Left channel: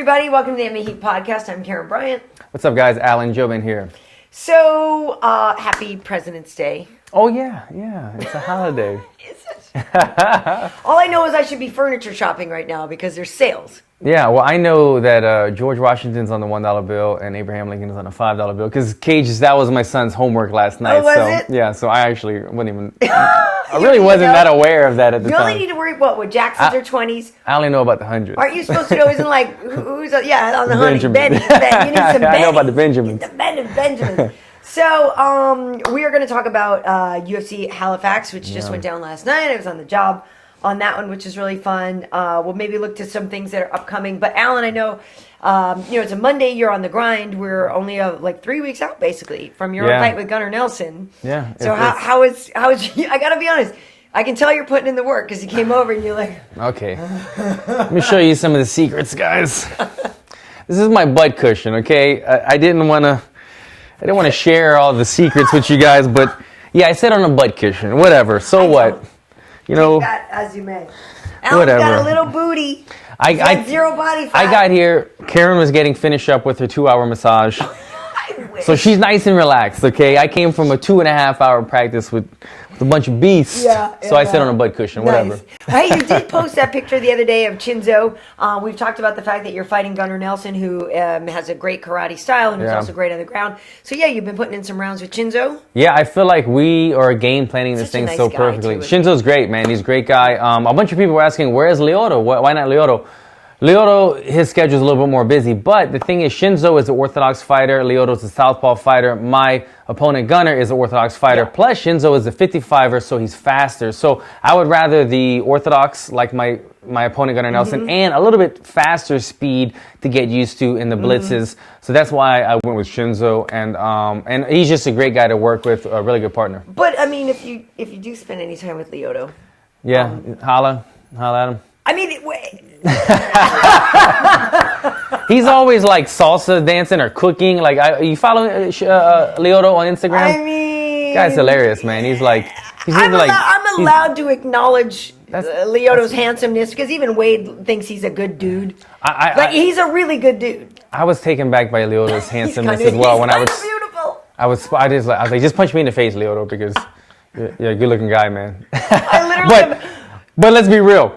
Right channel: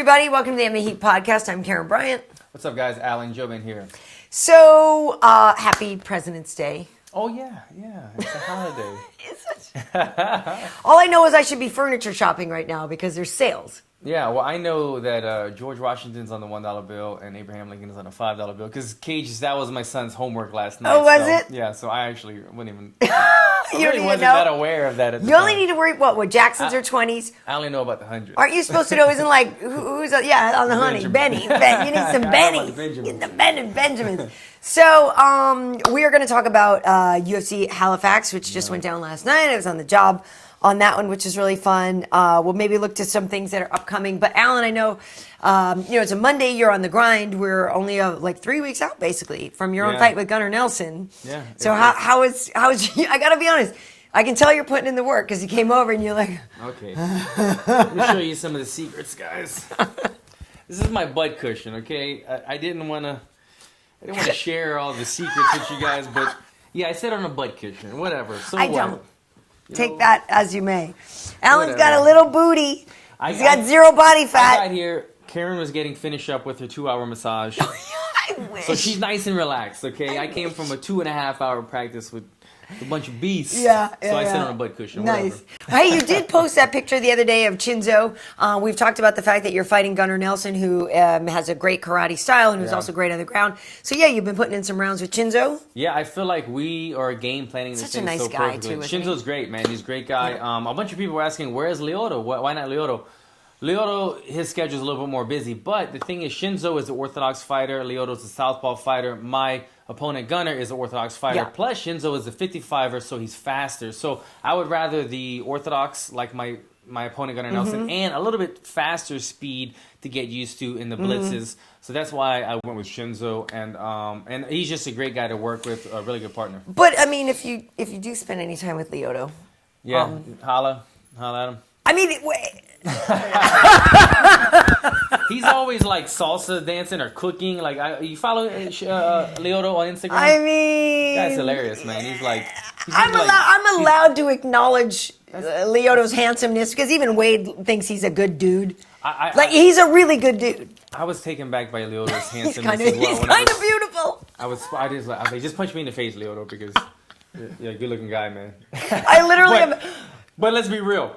everybody. Welcome to the MMA Heat podcast. I'm Karyn Bryant. What's up, guys? Jouban here. So, happy President's Day. Oh, yeah. It's a holiday. Is it? All I know is I should be furniture shopping right now because there's sales. Yeah, well, I know that George Washington's on the $1 bill and Abraham Lincoln is on a $5 bill because that was my son's homework last night. Oh, was it? Yeah, so I actually wouldn't even... I really wasn't that aware of that at the time. You only need to worry about what Jacksons or 20s. I only know about the hundreds. Aren't you supposed to know? Isn't like who's on the honey? Benjamin. Ben. You need some I know about the Benjamins. The Ben and Benjamins. So we are going to talk about UFC Halifax, which just went down last night. I was on the job on that one, which is really fun. We'll maybe look to some things that are upcoming. But Alan, I know, it's a Monday. You're on the grind. We're only like 3 weeks out, basically, from your fight with Gunnar Nelson. Yeah. So how is I got to be honest. I can tell you're putting in the work because you came over and you're like... Okay. Let me show you some of the secrets, guys. This is my butt cushion, okay? I didn't want to share all the secrets with you guys, but yeah, I sit on a butt cushion. Whatever. So what? You know, take that as you may. Alan's got a little booty. I got zero body fat. I got here. Karyn was getting finished up with her 2-hour massage. So she's nice and relaxed, okay? I came from a 2.5-hour practice with a bunch of beasts. So I sit on a butt cushion, whatever. Hey, you did post that picture the other day of Chinzo. We've talked about the fact that you're fighting Gunnar Nelson, who has a great karate style and who's also great on the ground. So yeah, you've been putting in some rounds with Chinzo. Yeah, I feel like we are game planning this thing so perfectly. Shinzo's great, man. He's a great guy. A bunch of people were asking, where's Lyoto? Why not Lyoto? Lyoto, his schedule is a little bit more busy, but the thing is, Shinzo is an orthodox fighter. Lyoto's a southpaw fighter. My opponent, Gunnar, is an orthodox fighter. Plus, Shinzo is a 55er, so he's faster. So I would rather the orthodox, like my opponent, Gunnar Nelson, and a little bit faster speed to get used to in the blitzes. So that's why I went with Shinzo, and he's just a great guy to work with, a really good partner. But I mean, if you do spend any time with Lyoto, holla at him. I mean, he's always like salsa dancing or cooking. Like, you follow Lyoto on Instagram? I mean, guy's hilarious, man. I'm allowed to acknowledge Lyoto's handsomeness because even Wade thinks he's a good dude. He's a really good dude. I was taken back by Lyoto's handsomeness as well. He's kind of beautiful. I was like, just punch me in the face, Lyoto, because you're a good-looking guy, man. I literally. But let's be real.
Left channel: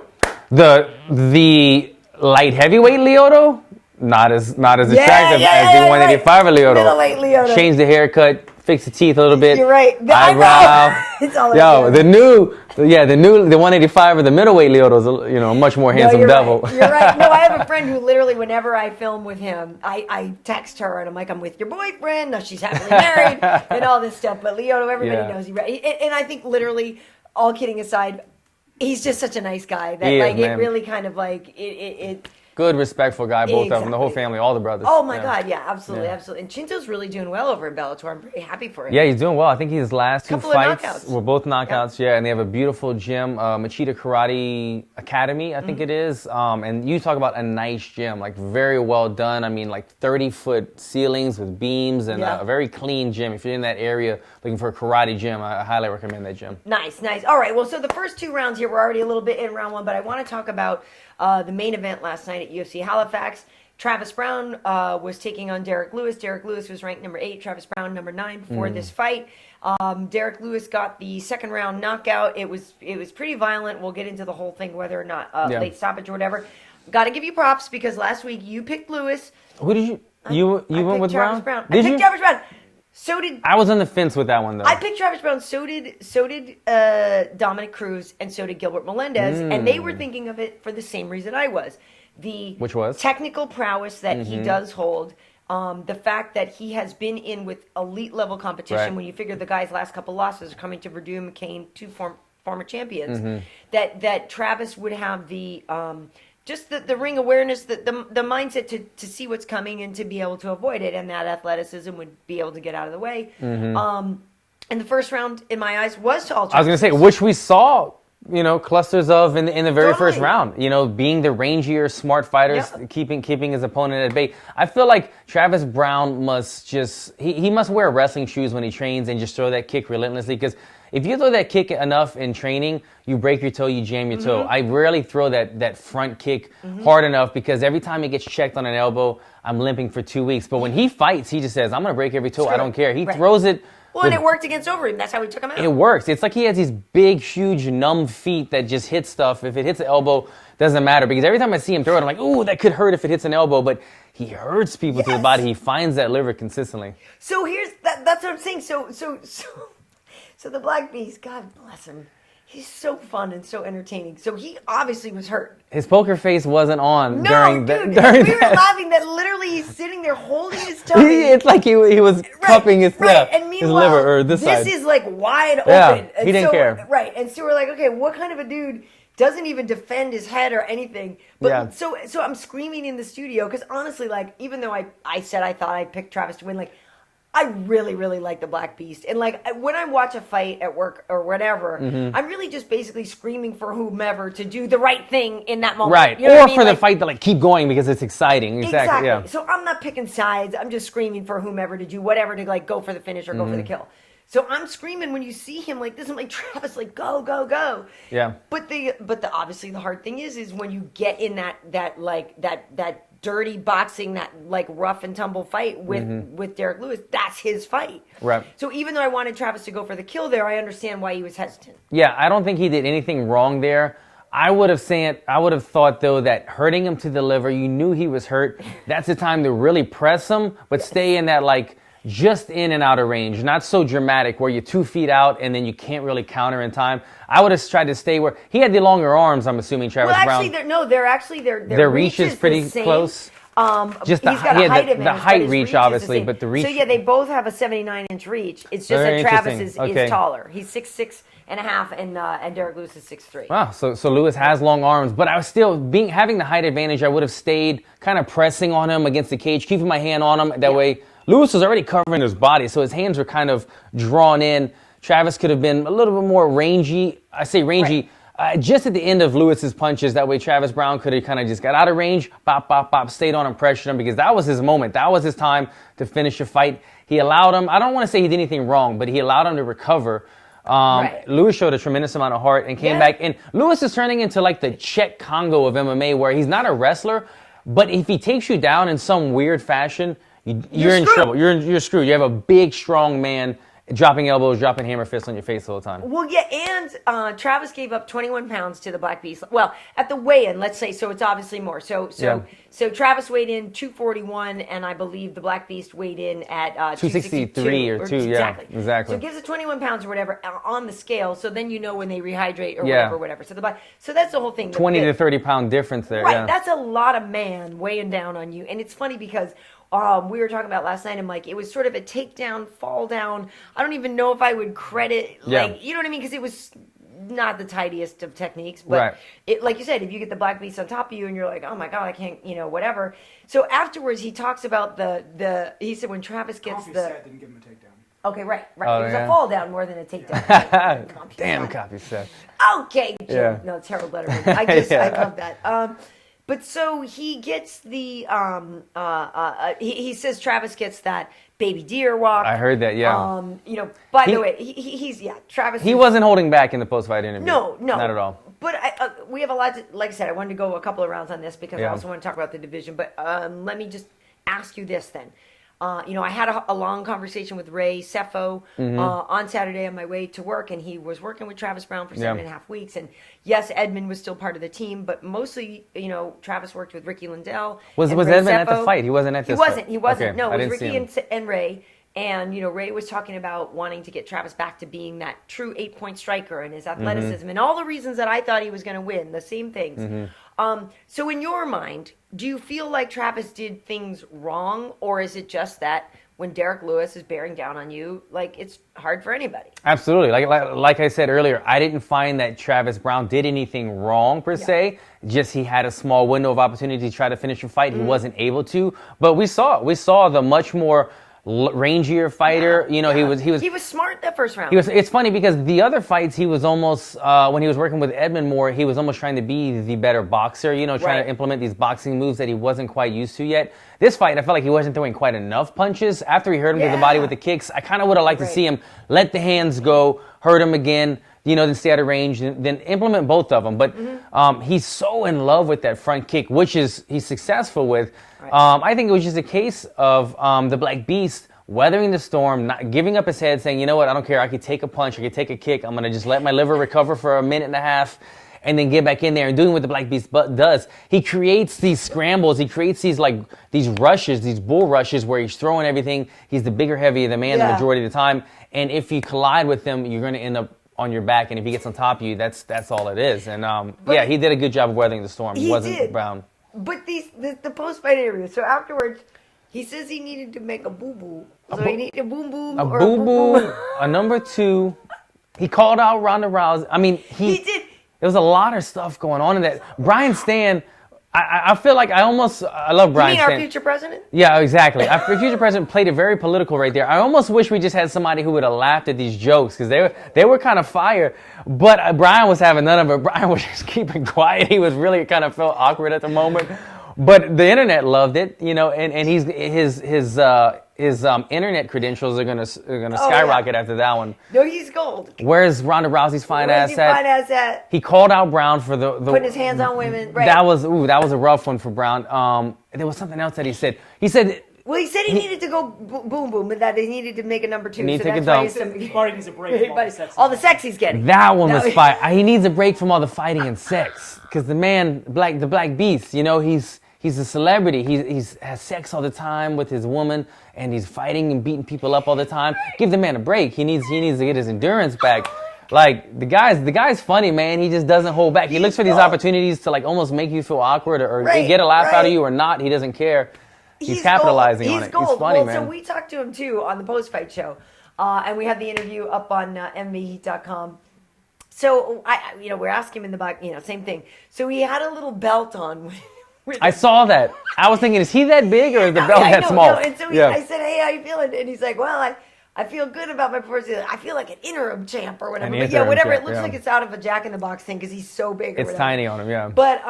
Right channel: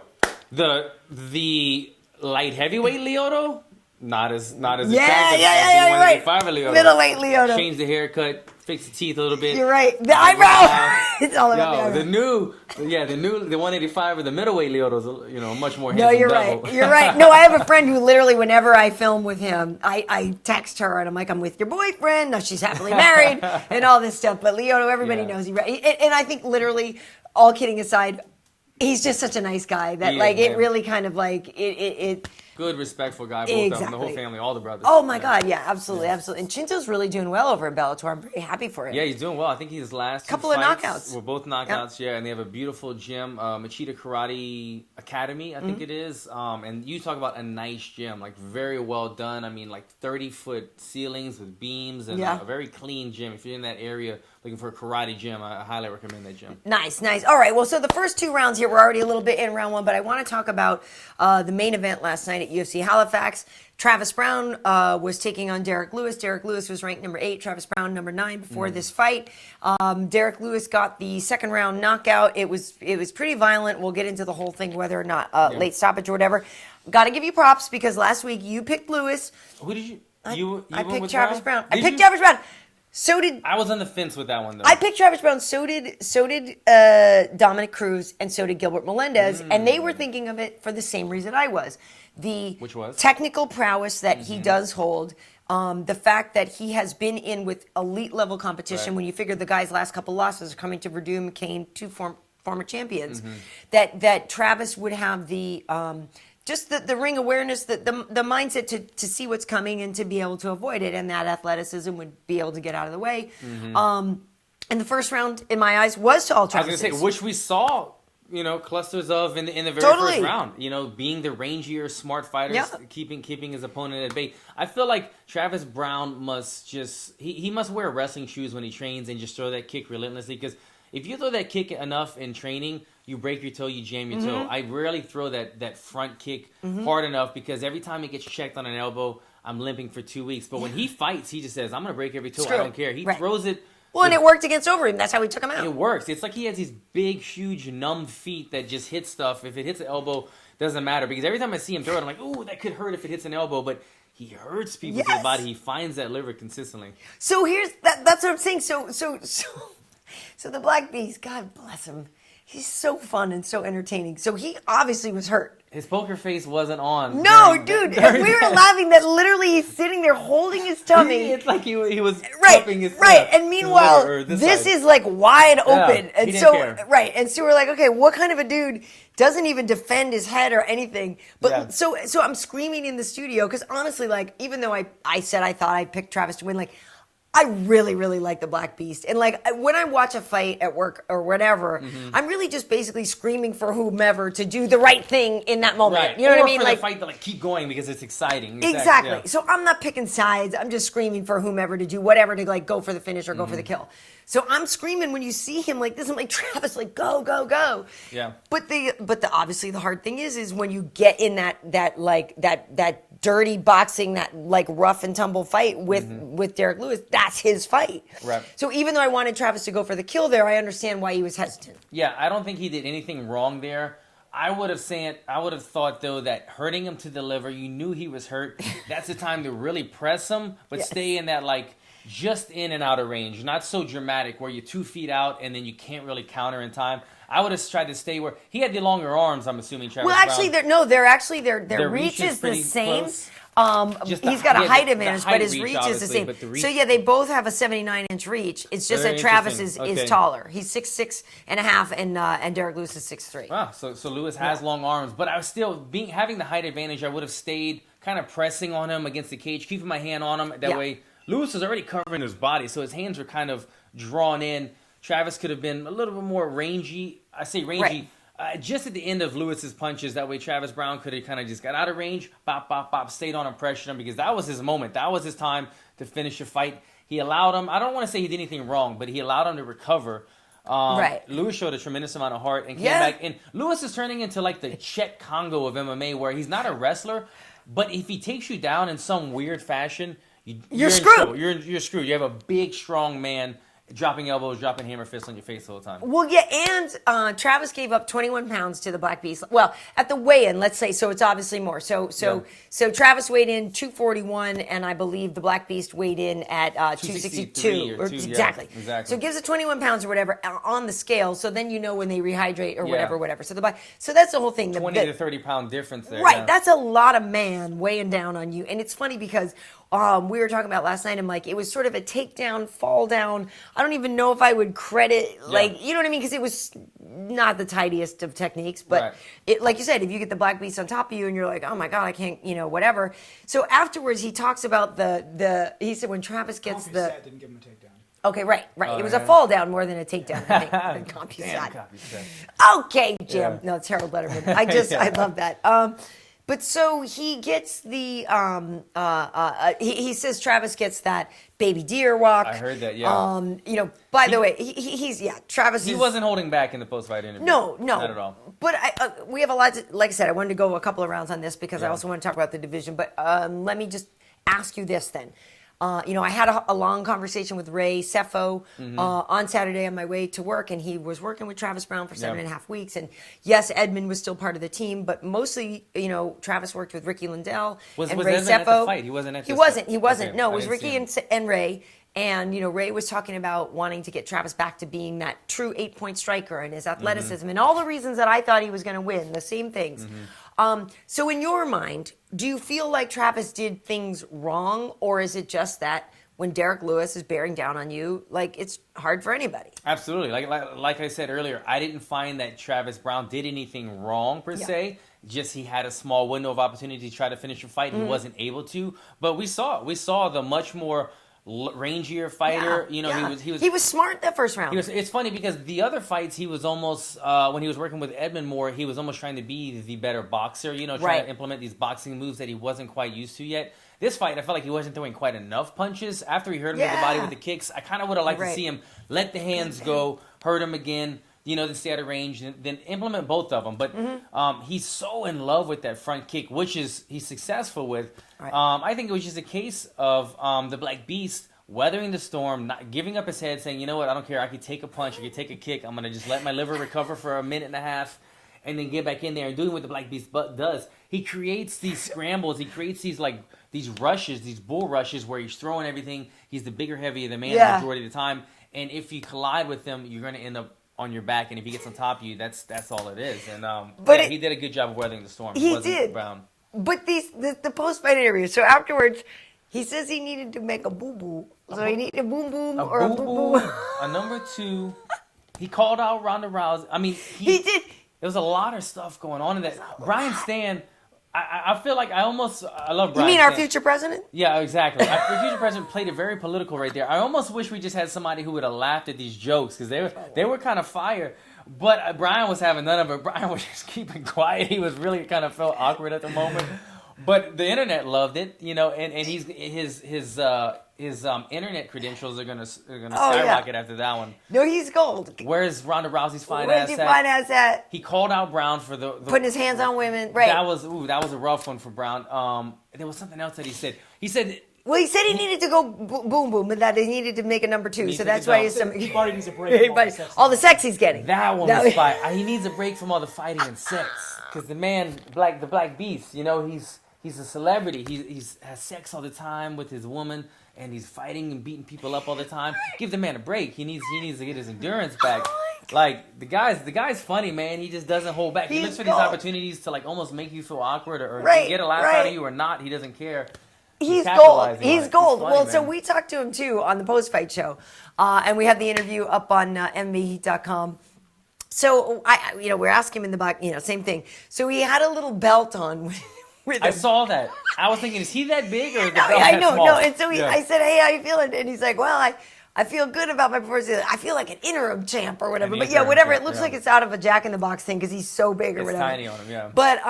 The light heavyweight Lyoto, not as attractive as the 185 Lyoto. Middleweight Lyoto. Change the haircut, fix the teeth a little bit. You're right. The eyebrow. The 185 or the middleweight Lyoto is a much more handsome devil. Right. You're right. No, I have a friend who literally, whenever I film with him, I text her and I'm like, I'm with your boyfriend. No, she's happily married and all this stuff. But Lyoto, everybody knows he's right. And I think literally, all kidding aside, he's just such a nice guy that it really kind of like it. Good, respectful guy, both of them, the whole family, all the brothers. Oh my God, absolutely. And Chinzo's really doing well over in Bellator. I'm very happy for him. Yeah, he's doing well. I think his last two fights were both knockouts. Yeah, and they have a beautiful gym, H.E.A.T Karate Academy, I think it is. And you talk about a nice gym, like very well done. I mean, like 30-foot ceilings with beams and a very clean gym. If you're in that area looking for a karate gym, I highly recommend that gym. Nice. All right, well, so the first two rounds here, we're already a little bit in round one, but I want to talk about the main event last night at UFC Halifax. Travis Browne was taking on Derrick Lewis. Derrick Lewis was ranked number 8, Travis Browne number 9 before this fight. Derrick Lewis got the second round knockout. It was pretty violent. We'll get into the whole thing, whether or not late stoppage or whatever. Got to give you props because last week you picked Lewis. Who did you went with Travis Browne? I picked Travis Browne. So did I was on the fence with that one though. I picked Travis Browne. So did Dominic Cruz, and so did Gilbert Melendez, and they were thinking of it for the same reason I was. Which was technical prowess that he does hold. The fact that he has been in with elite level competition. When you figure the guy's last couple losses are coming to Verdum, McCain, two former champions, that Travis would have the just the ring awareness, the mindset to see what's coming and to be able to avoid it, and that athleticism would be able to get out of the way. And the first round, in my eyes, was to all Travis. I was going to say, which we saw, clusters of in the very first round. Being the rangier, smart fighters, keeping his opponent at bay. I feel like Travis Browne must just he must wear wrestling shoes when he trains and just throw that kick relentlessly because if you throw that kick enough in training, you break your toe, you jam your toe. I rarely throw that front kick hard enough because every time he gets checked on an elbow, I'm limping for 2 weeks. But when he fights, he just says, I'm going to break every toe. I don't care. He throws it. Well, and it worked against Overeem. That's how we took him out. It works. It's like he has these big, huge, numb feet that just hit stuff. If it hits an elbow, doesn't matter. Because every time I see him throw it, I'm like, ooh, that could hurt if it hits an elbow. But he hurts people to the body. He finds that liver consistently. So that's what I'm saying. So the Black Beast, God bless him. He's so fun and so entertaining. So he obviously was hurt. His poker face wasn't on. No, dude. And we were laughing that literally he's sitting there holding his tummy. It's like he was cupping his And meanwhile, his liver, or this side. is like wide open. And he didn't care. Right. And so we're like, okay, what kind of a dude doesn't even defend his head or anything? But so I'm screaming in the studio because honestly, like, even though I said I thought I picked Travis to win, like, I really, really like the Black Beast. And like when I watch a fight at work or whatever, I'm really just basically screaming for whomever to do the right thing in that moment. Right. You know or what I mean? for the fight to like keep going because it's exciting. Exactly. Yeah. So I'm not picking sides. I'm just screaming for whomever to do whatever to like go for the finish or go for the kill. So I'm screaming when you see him like this. I'm like, Travis, like go, go, go. Yeah. But the obviously the hard thing is when you get in that dirty boxing, that like rough and tumble fight with Derrick Lewis, that's his fight. Right. So even though I wanted Travis to go for the kill there, I understand why he was hesitant. Yeah, I don't think he did anything wrong there. I would have thought though that hurting him to the liver, you knew he was hurt. That's the time to really press him, but stay in that like just in and out of range, not so dramatic where you're 2 feet out and then you can't really counter in time. I would have tried to stay where he had the longer arms. I'm assuming Travis Browne. Well, actually, their reach is pretty the same. close. Just he's got a height advantage, the height but his reach reach obviously, is the same. but the reach. So yeah, they both have a 79-inch reach. It's just Very that Travis interesting. is taller. He's 6'6" and a half, and Derrick Lewis is 6'3". Wow, so Lewis has long arms, but I was still having the height advantage. I would have stayed kind of pressing on him against the cage, keeping my hand on him. That way, Lewis was already covering his body, so his hands were kind of drawn in. Travis could have been a little bit more rangy. I say rangy. Just at the end of Lewis's punches, that way Travis Browne could have kind of just got out of range, bop, bop, bop, stayed on him, pressured him, because that was his moment. That was his time to finish a fight. He allowed him, I don't want to say he did anything wrong, but he allowed him to recover. Lewis showed a tremendous amount of heart and came back. And Lewis is turning into like the Czech Congo of MMA, where he's not a wrestler, but if he takes you down in some weird fashion, you're in trouble. You're screwed. You have a big, strong man dropping elbows, dropping hammer fists on your face all the time. Well, yeah, and Travis gave up 21 pounds to the Black Beast. Well, at the weigh-in, let's say, so it's obviously more. So Travis weighed in 241, and I believe the Black Beast weighed in at 263 or 2, exactly. Yeah, exactly. So it gives it 21 pounds or whatever on the scale, so then you know when they rehydrate or whatever. So that's the whole thing. 20 to 30 pound difference there. Right, that's a lot of man weighing down on you. And it's funny because we were talking about last night, I'm like, it was sort of a takedown, fall down. I don't even know if I would credit, like, you know what I mean? Because it was not the tidiest of techniques. But like you said, if you get the Black Beast on top of you and you're like, oh my God, I can't, whatever. So afterwards, he talks about he said when Travis gets Set didn't give him a takedown. Okay, right. Oh, it was a fall down more than a takedown. Right? Damn, copy set. Okay, Jim. Yeah. No, it's Harold Letterman. I love that. But so he gets the he says Travis gets that baby deer walk. I heard that, yeah. By the way, he's Travis. He wasn't holding back in the post-fight interview. No, not at all. But we have a lot to, like I said, I wanted to go a couple of rounds on this because I also want to talk about the division. But let me just ask you this then. I had a long conversation with Ray Sefo on Saturday on my way to work, and he was working with Travis Browne for 7.5 weeks. And yes, Edmund was still part of the team, but mostly, Travis worked with Ricky Lindell. Was Edmund at the fight? He wasn't at this fight? He wasn't. Okay, no, it was Ricky and Ray. And, Ray was talking about wanting to get Travis back to being that true 8-point striker and his athleticism and all the reasons that I thought he was going to win, the same things. So in your mind, do you feel like Travis did things wrong, or is it just that when Derrick Lewis is bearing down on you, like, it's hard for anybody? Absolutely. Like I said earlier, I didn't find that Travis Browne did anything wrong per se. Just he had a small window of opportunity to try to finish a fight. He wasn't able to. But we saw the much more rangier fighter. He was smart that first round. It's funny because the other fights he was almost when he was working with Edmund more, he was almost trying to be the better boxer, trying to implement these boxing moves that he wasn't quite used to yet. This fight, I felt like he wasn't throwing quite enough punches. After he hurt him to the body with the kicks, I kind of would have liked to see him let the hands go, hurt him again, then stay out of range, then implement both of them. But he's so in love with that front kick, which he's successful with. Right. I think it was just a case of the Black Beast weathering the storm, not giving up his head, saying, you know what, I don't care. I could take a punch, I could take a kick. I'm going to just let my liver recover for a minute and a half and then get back in there and doing what the Black Beast does. He creates these scrambles. He creates these rushes, these bull rushes where he's throwing everything. He's the bigger, heavier the man the majority of the time. And if you collide with him, you're going to end up on your back, and if he gets on top of you, that's all it is. And he did a good job of weathering the storm. He wasn't did. Browne. But the post-fight interview. So afterwards, he says he needed to make a boo-boo. So he needed a boom-boom or a boo-boo. A number 2. He called out Ronda Rousey. I mean, he did. There was a lot of stuff going on in that. Brian Stan, I feel like I love Brian Stan. You mean our future president? Yeah, exactly. Our future president played it very political right there. I almost wish we just had somebody who would have laughed at these jokes because they were kind of fire. But Brian was having none of it. Brian was just keeping quiet. He was really kind of felt awkward at the moment. But the internet loved it, and his internet credentials are gonna skyrocket after that one. No, he's gold. Where's Ronda Rousey's fine ass at? He called out Browne for the putting his hands on women. Right. That was a rough one for Browne. There was something else that he said. Well, he said he needed to go boom boom, and that he needed to make a number 2. So that's why he needs a break. All the sex he's getting. That one was fire. He needs a break from all the fighting and sex because the man, the Black Beast, he's a celebrity. He has sex all the time with his woman, and he's fighting and beating people up all the time. Give the man a break. He needs to get his endurance back. Like the guy's funny, man. He just doesn't hold back. He looks for these opportunities to almost make you feel awkward or get a laugh out of you or not. He doesn't care. He's capitalizing on it. He's gold. He's funny, well, man. So we talked to him too on the post-fight show, and we have the interview up on MMAHeat.com. So we're asking him in the back, same thing. So he had a little belt on. I saw that. I was thinking, is he that big or is the belt that small? No. And so I said, hey, how you feeling? And he's like, well, I feel good about my performance. I feel like an interim champ or whatever. But whatever. It looks like it's out of a Jack in the Box thing because he's so big. It's tiny on him, yeah. But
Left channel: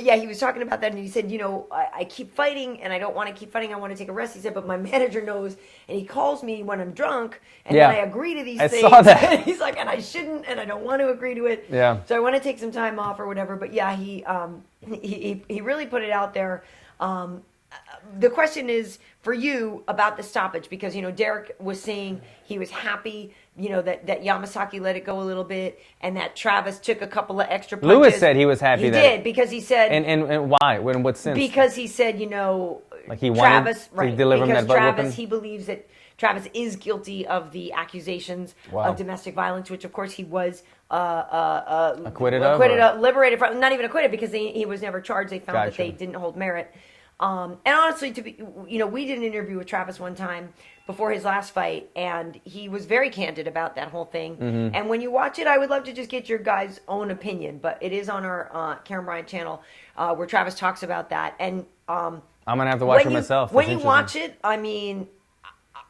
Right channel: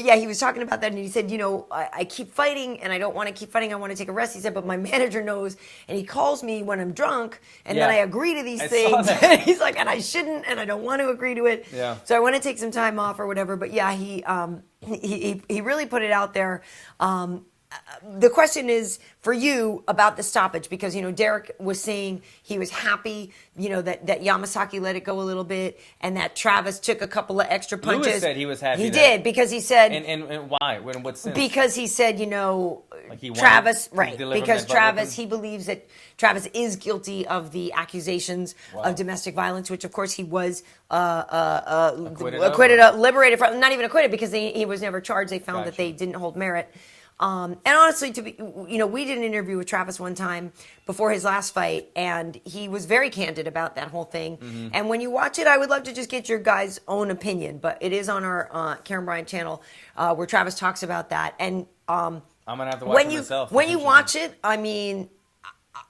yeah, he was talking about that and he said, I keep fighting and I don't want to keep fighting. I want to take a rest. He said, but my manager knows and he calls me when I'm drunk and then I agree to these things. I saw that. He's like, and I shouldn't and I don't want to agree to it. Yeah. So I want to take some time off or whatever. But yeah, he really put it out there. The question is for you about the stoppage because Derrick was saying he was happy that Yamasaki let it go a little bit and that Travis took a couple of extra punches. Lewis said he was happy. He did because he said and why? In what sense? Because he said like he Travis wanted right because Travis he believes that Travis is guilty of the accusations of domestic violence, which of course he was acquitted liberated from. Not even acquitted because he was never charged. They found that they didn't hold merit. And honestly, we did an interview with Travis one time before his last fight, and he was very candid about that whole thing. Mm-hmm. And when you watch it, I would love to just get your guys' own opinion, but it is on our Karyn Bryant channel where Travis talks about that. And I'm gonna have to watch it myself. When you watch it, I mean,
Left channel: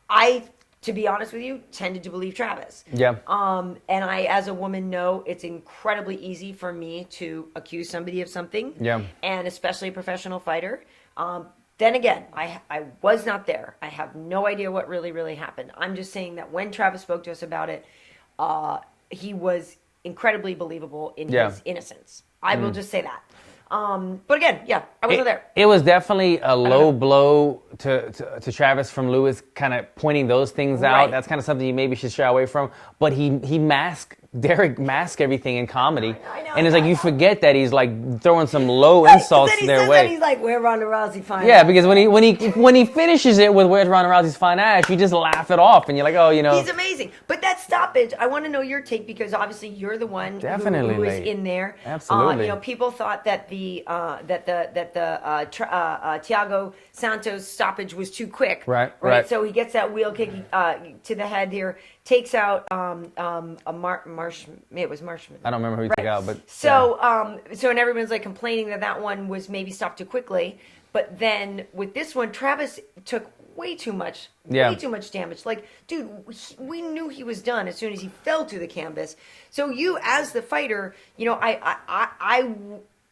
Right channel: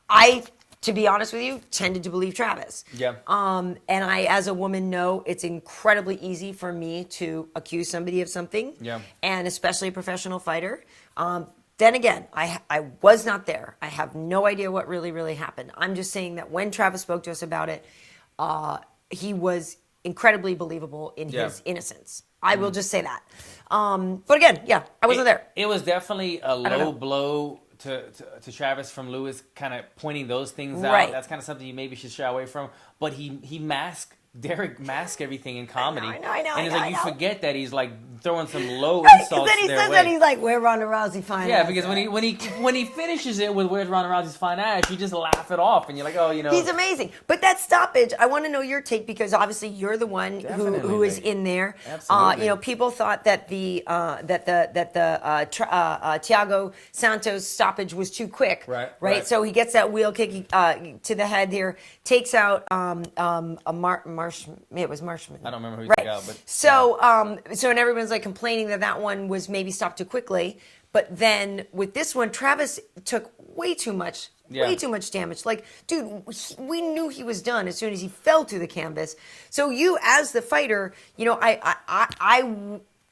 I, to be honest with you, tended to believe Travis. Yeah. And I, as a woman, know it's incredibly easy for me to accuse somebody of something. Yeah. And especially a professional fighter. Then again, I was not there. I have no idea what really happened. I'm just saying that when Travis spoke to us about it, he was incredibly believable in his innocence. I will just say that. But again, I wasn't there. It was definitely a low blow to Travis from Lewis, kind of pointing those things out. That's kind of something you maybe should shy away from. But Derrick masked everything in comedy. I know, and it's like you forget that he's like throwing some low insults their way. He's like, where Ronda Rousey fine ass? Because when he finishes it with where's Ronda Rousey's fine ass, you just laugh it off and you're like, he's amazing. But that stoppage, I want to know your take because obviously you're the one who is in there. Absolutely. People thought that the Thiago Santos stoppage was too quick. Right. So he gets that wheel kick to the head here, takes out it was Marshman. I don't remember who he took out, but so and everyone's like complaining that one was maybe stopped too quickly. But then with this one, Travis took way too much damage. Like, dude, we knew he was done as soon as he fell to the canvas. So you, as the fighter, I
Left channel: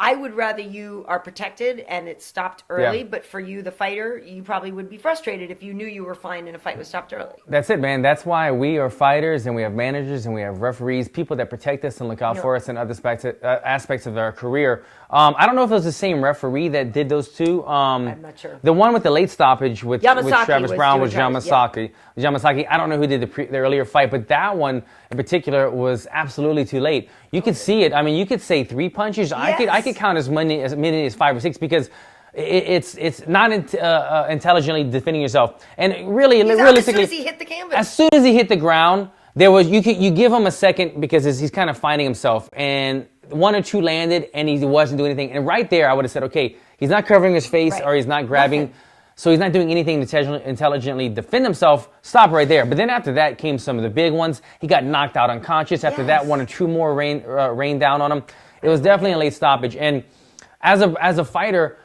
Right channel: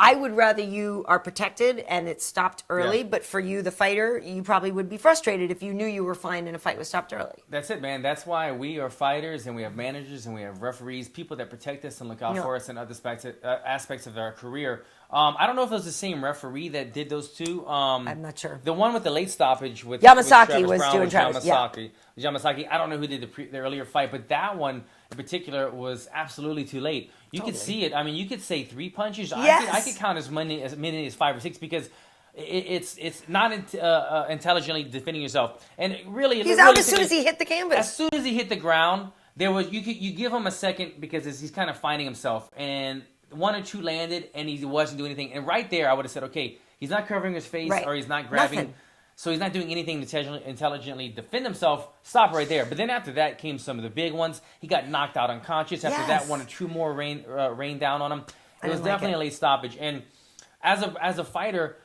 I would rather you are protected and it stopped early, but for you, the fighter, you probably would be frustrated if you knew you were fine and a fight was stopped early. That's it, man. That's why we are fighters and we have managers and we have referees, people that protect us and look out for us in other aspects of our career. I don't know if it was the same referee that did those two. I'm not sure. The one with the late stoppage with Travis Browne was Yamasaki. Yamasaki, I don't know who did the earlier fight, but that one in particular was absolutely too late. You could see it. I mean, you could say 3 punches. Yes. I could count as many as 5 or 6 because it's not intelligently defending yourself. And really, as soon as he hit the canvas. As soon as he hit the ground, there was you give him a second because he's kind of finding himself. And 1 or 2 landed, and he wasn't doing anything. And right there, I would have said, okay, he's not covering his face or he's not grabbing. Nothing. So he's not doing anything to intelligently defend himself. Stop right there. But then after that came some of the big ones. He got knocked out unconscious. After that, 1 or 2 more rained down on him. It was definitely a late stoppage. And as a fighter,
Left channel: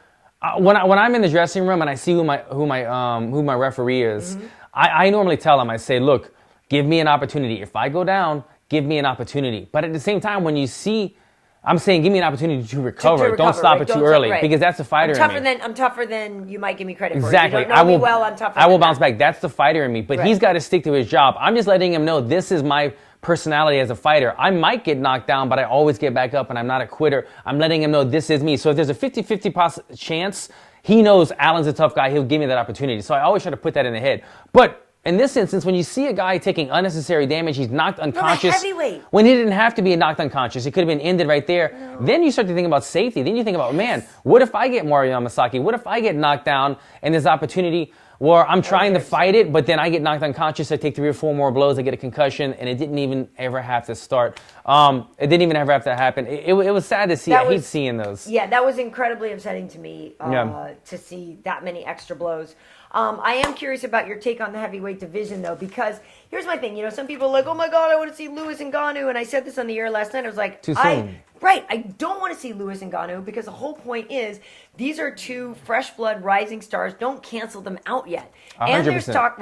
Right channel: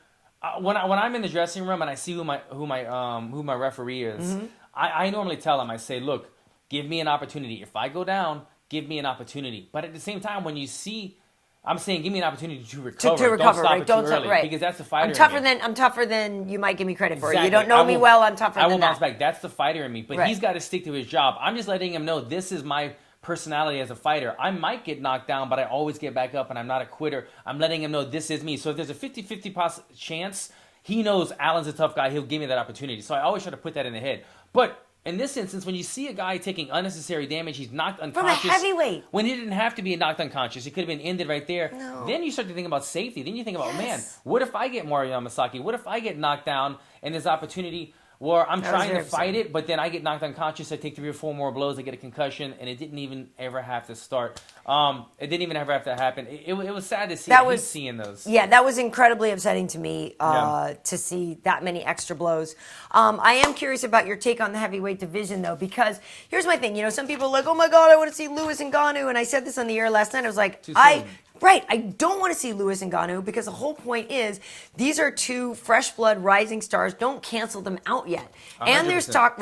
when I'm in the dressing room and I see who my referee is, I normally tell him, I say, look, give me an opportunity. If I go down, give me an opportunity. But at the same time, when you see, I'm saying give me an opportunity to recover. Don't stop it too early because that's the fighter in me. I'm tougher than you might give me credit for. Exactly. You don't know me well, I'm tougher. I will bounce back. That's the fighter in me. But he's got to stick to his job. I'm just letting him know this is my personality as a fighter. I might get knocked down, but I always get back up and I'm not a quitter. I'm letting him know this is me. So if there's a 50-50 chance, he knows Allen's a tough guy. He'll give me that opportunity. So I always try to put that in the head. But in this instance, when you see a guy taking unnecessary damage, he's knocked unconscious. From a heavyweight. When he didn't have to be knocked unconscious, it could have been ended right there. No. Then you start to think about safety. Then you think about, man, what if I get Mario Yamasaki? What if I get knocked down and there's opportunity where I'm trying to fight it, but then I get knocked unconscious, I take 3 or 4 more blows, I get a concussion, and it didn't even ever have to start. It didn't even ever have to happen. It was sad to see. I hate seeing those. Yeah, that was incredibly upsetting to me to see that many extra blows. I am curious about your take on the heavyweight division, though, because here's my thing. You know, some people are like, oh, my God, I want to see Lewis and Ngannou, and I said this on the air last night. I was like, too soon. I don't want to see Lewis and Ngannou because the whole point is these are 2 fresh blood rising stars. Don't cancel them out yet. 100%, and there's talk,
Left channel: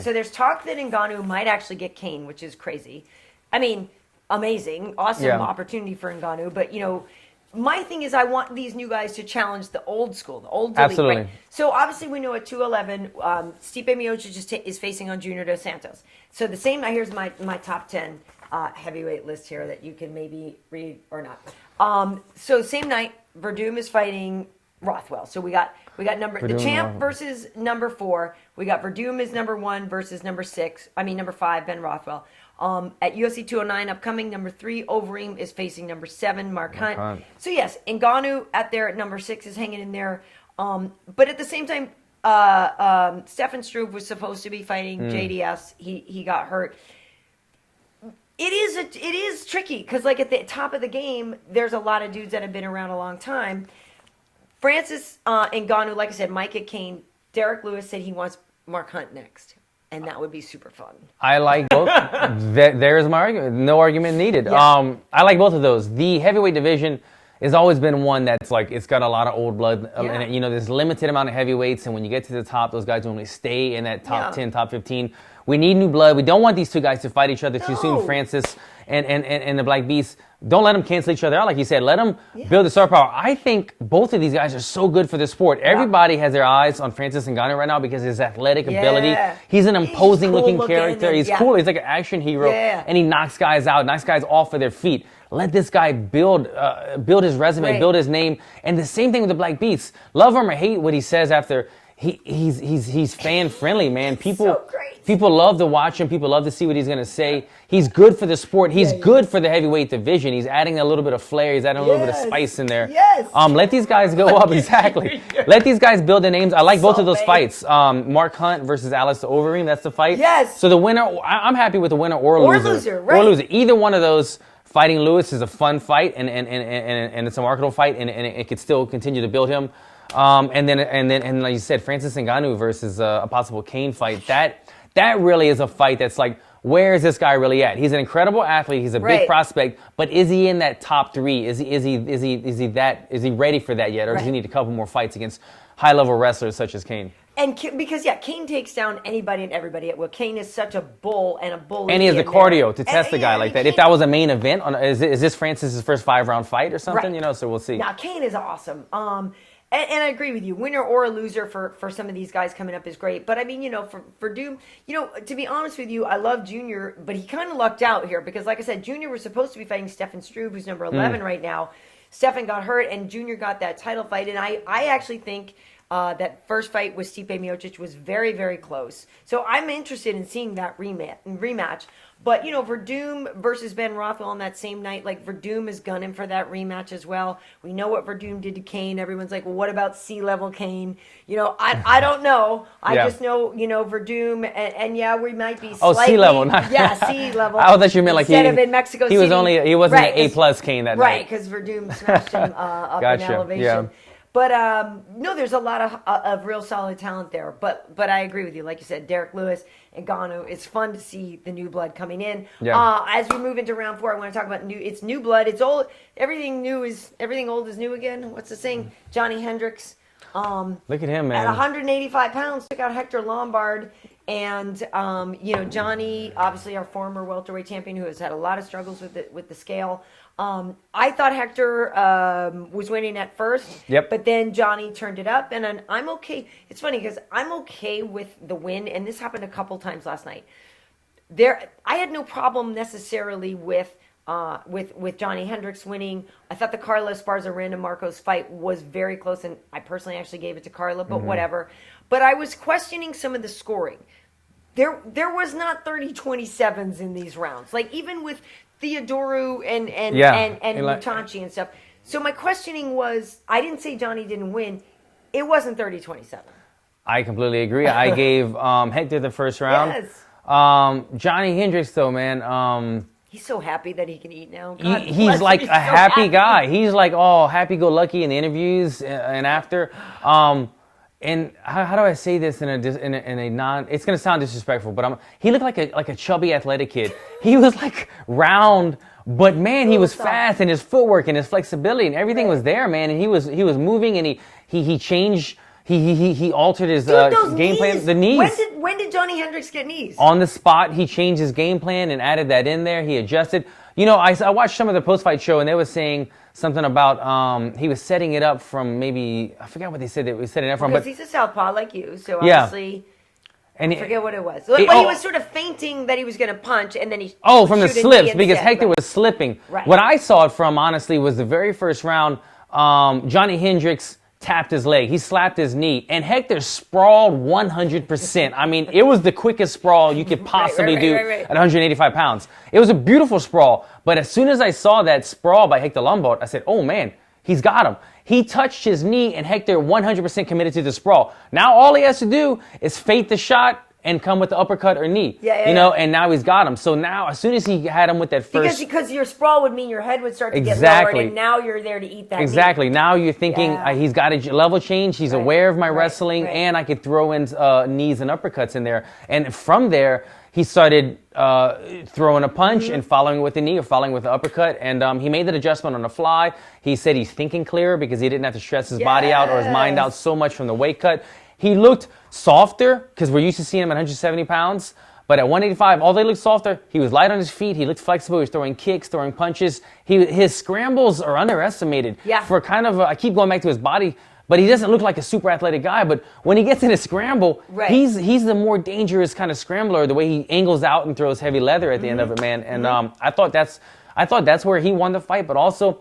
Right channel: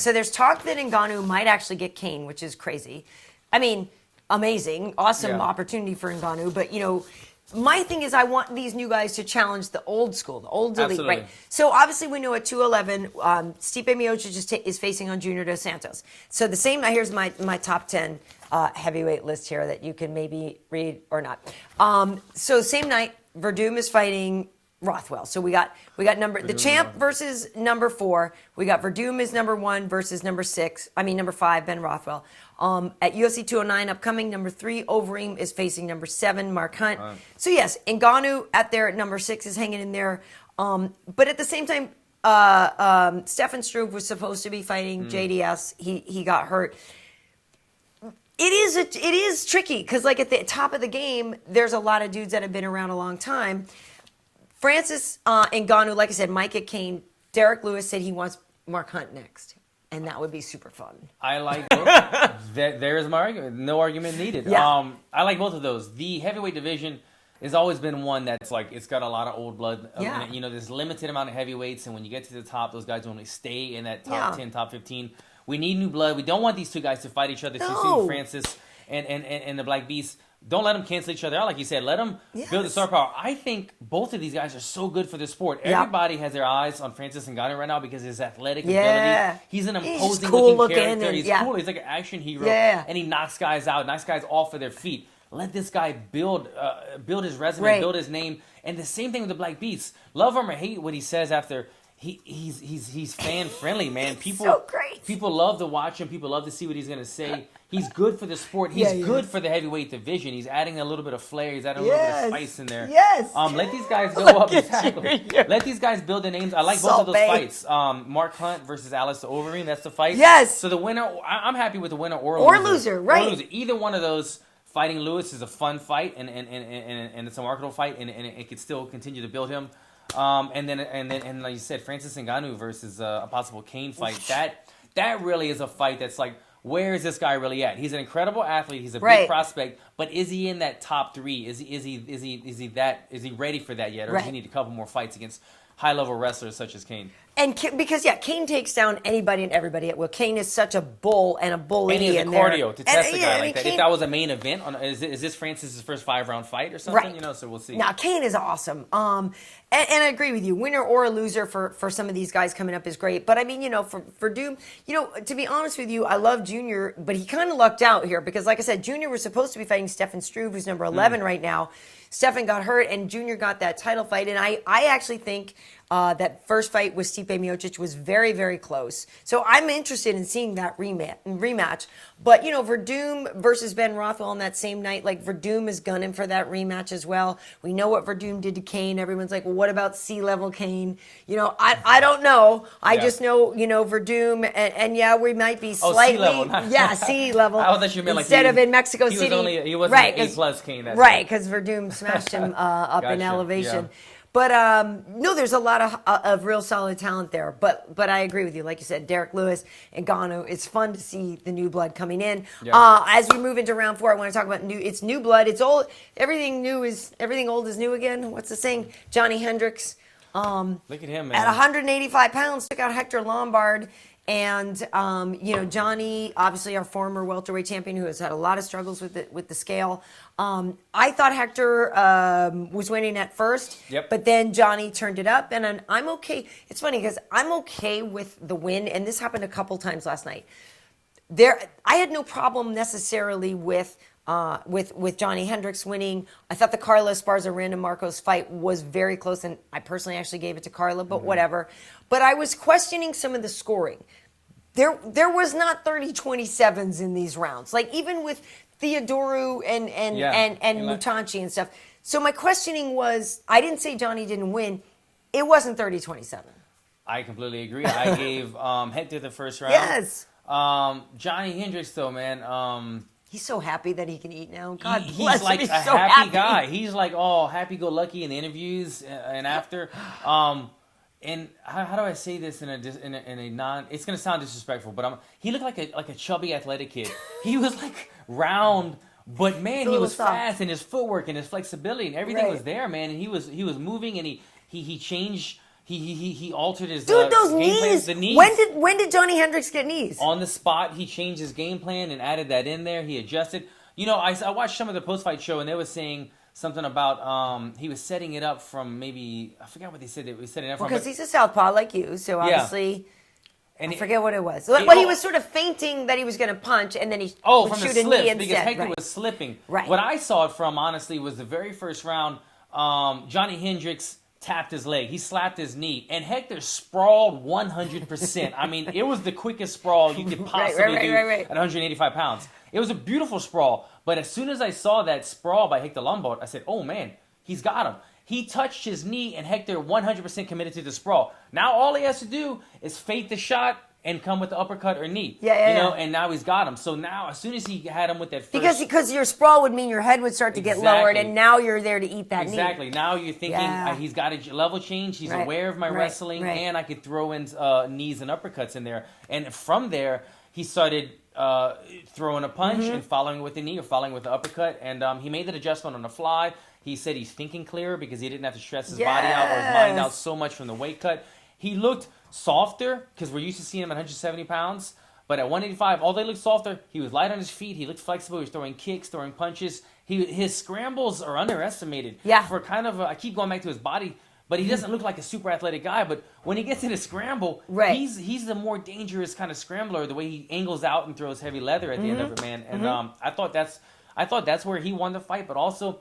so there's talk that Ngannou might actually get Kane, which is crazy. I mean, amazing, awesome opportunity for Ngannou, but you know, my thing is I want these new guys to challenge the old school, the old elite. Right? So obviously we know at 211, Stipe Miocic is facing on Junior Dos Santos. So the same. Here's my top 10 heavyweight list here that you can maybe read or not. So same night, Verdum is fighting Rothwell. So we got the champ versus number 4. We got Verdum is number 1 versus number 5, Ben Rothwell. At UFC 209 upcoming, number 3, Overeem is facing number 7, Mark Hunt. So yes, Ngannou at number 6 is hanging in there. But at the same time, Stefan Struve was supposed to be fighting JDS. He got hurt. It is tricky because like at the top of the game, there's a lot of dudes that have been around a long time. Francis Ngannou, like I said, Micah Kane, Derrick Lewis said he wants Mark Hunt next. And that would be super fun. I like both. There's my argument. No argument needed. Yeah. I like both of those. The heavyweight division has always been one that's like, it's got a lot of old blood. And, you know, there's a limited amount of heavyweights. And when you get to the top, those guys normally stay in that top 10, top 15. We need new blood. We don't want these 2 guys to fight each other too soon. Francis and the Black Beast. Don't let them cancel each other out, like you said. Let them build the star power. I think both of these guys are so good for the sport. Everybody has their eyes on Francis Ngannou right now because of his athletic ability. He's an imposing looking character. He's cool. He's like an action hero. And he knocks guys out, knocks guys off of their feet. Let this guy build his resume, build his name. And the same thing with the Black Beast. Love him or hate what he says after. He's fan friendly, man. People love to watch him. People love to see what he's gonna say. He's good for the sport. He's good for the heavyweight division. He's adding a little bit of flair. He's adding a little bit of spice in there. Let these guys go up. Exactly. Let these guys build their names. I like both of those fights. Mark Hunt versus Alistair Overeem. That's the fight. So the winner. I'm happy with the winner or loser. Or loser. Either one of those. Fighting Lewis is a fun fight and it's a marketable fight and it could still continue to build him. And then like you said, Francis Ngannou versus a possible Kane fight. That really is a fight that's like, where is this guy really at? He's an incredible athlete. He's a big prospect, but is he in that top 3? Is he ready for that yet, or does he need a couple more fights against high level wrestlers such as Kane? And because Kane takes down anybody and everybody at will. Kane is such a bull and a bully. And he has the cardio to test a guy like that. If that was a main event, is this Francis's first 5-round fight or something? Right. You know, so we'll see. Now Kane is awesome. And I agree with you. Winner or a loser for some of these guys coming up is great. But I mean, for Doom, to be honest with you, I love Junior, but he kind of lucked out here because, like I said, Junior was supposed to be fighting Stefan Struve, who's number 11 right now. Stefan got hurt, and Junior got that title fight. And I actually think that first fight with Stipe Miocic was very, very close. So I'm interested in seeing that rematch. But, Verdum versus Ben Rothwell on that same night, like Verdum is gunning for that rematch as well. We know what Verdum did to Kane. Everyone's like, well, what about C-level Kane? I don't know. I just know, Verdum, and yeah, we might be slightly. C-level. C-level. I thought you meant like instead of in Mexico City. He wasn't an A+ Kane that night. Right, because Verdum smashed him up in elevation. Yeah. But no, there's a lot of real solid talent there. But I agree with you. Like you said, Derrick Lewis and Ngannou. It's fun to see the new blood coming in. Yeah. As we move into round 4, I want to talk about it's new blood. It's old. Everything old is new again. What's the saying? Johnny Hendricks. Look at him, man. At 185 pounds, took out Hector Lombard. And, Johnny, obviously our former welterweight champion who has had a lot of struggles with the scale. I thought Hector was winning at first. Yep. But then Johnny turned it up. And I'm okay. It's funny because I'm okay with the win. And this happened a couple times last night. I had no problem necessarily with Johnny Hendricks winning. I thought the Carla Esparza Randa Markos fight was very close, and I personally actually gave it to Carla, but whatever. But I was questioning some of the scoring. There was not 30-27s in these rounds. Like even with Theodorou and Mutanchi and stuff. So my questioning was, I didn't say Johnny didn't win. It wasn't 30-27. I completely agree. I gave Hector the first round. Yes. Johnny Hendricks though, man. He's so happy that he can eat now. He's like a happy guy. He's like all happy-go-lucky in the interviews and after. And how do I say this in a non? It's gonna sound disrespectful, but he looked like a chubby athletic kid. He was like round, but man, he was fast, and his footwork and his flexibility and everything was there, man. And he was moving, and he changed. He altered his game plan. The knees. When did Johnny Hendricks get knees? On the spot, he changed his game plan and added that in there. He adjusted. I watched some of the post-fight show, and they were saying something about he was setting it up from maybe, I forgot what they said. They were setting it up from. Because he's a southpaw like you, so obviously. And I forget what it was. But he was sort of feinting that he was going to punch, and then he from the slips, because Hector was slipping. Right. What I saw it from, honestly, was the very first round, Johnny Hendricks tapped his leg. He slapped his knee, and Hector sprawled 100%. I mean, it was the quickest sprawl you could possibly do at 185 pounds. It was a beautiful sprawl, but as soon as I saw that sprawl by Hector Lombard, I said, oh man, he's got him. He touched his knee, and Hector 100% committed to the sprawl. Now all he has to do is fake the shot and come with the uppercut or knee. And now he's got him. So now, as soon as he had him with that first... Because your sprawl would mean your head would start to get lowered, and now you're there to eat that Exactly. knee. Now you're thinking, he's got a level change, he's aware of my wrestling, and I could throw in knees and uppercuts in there. And from there, he started throwing a punch and following with the knee or following with the uppercut, and he made that adjustment on the fly. He said he's thinking clearer because he didn't have to stress his body out or his mind out so much from the weight cut. He looked softer because we're used to seeing him at 170 pounds. But at 185, although he looked softer, he was light on his feet. He looked flexible. He was throwing kicks, throwing punches. His scrambles are underestimated. For kind of, I keep going back to his body, but he doesn't look like a super athletic guy. But when he gets in a scramble, he's the more dangerous kind of scrambler. The way he angles out and throws heavy leather at the end of it, man. And I thought that's where he won the fight. But also,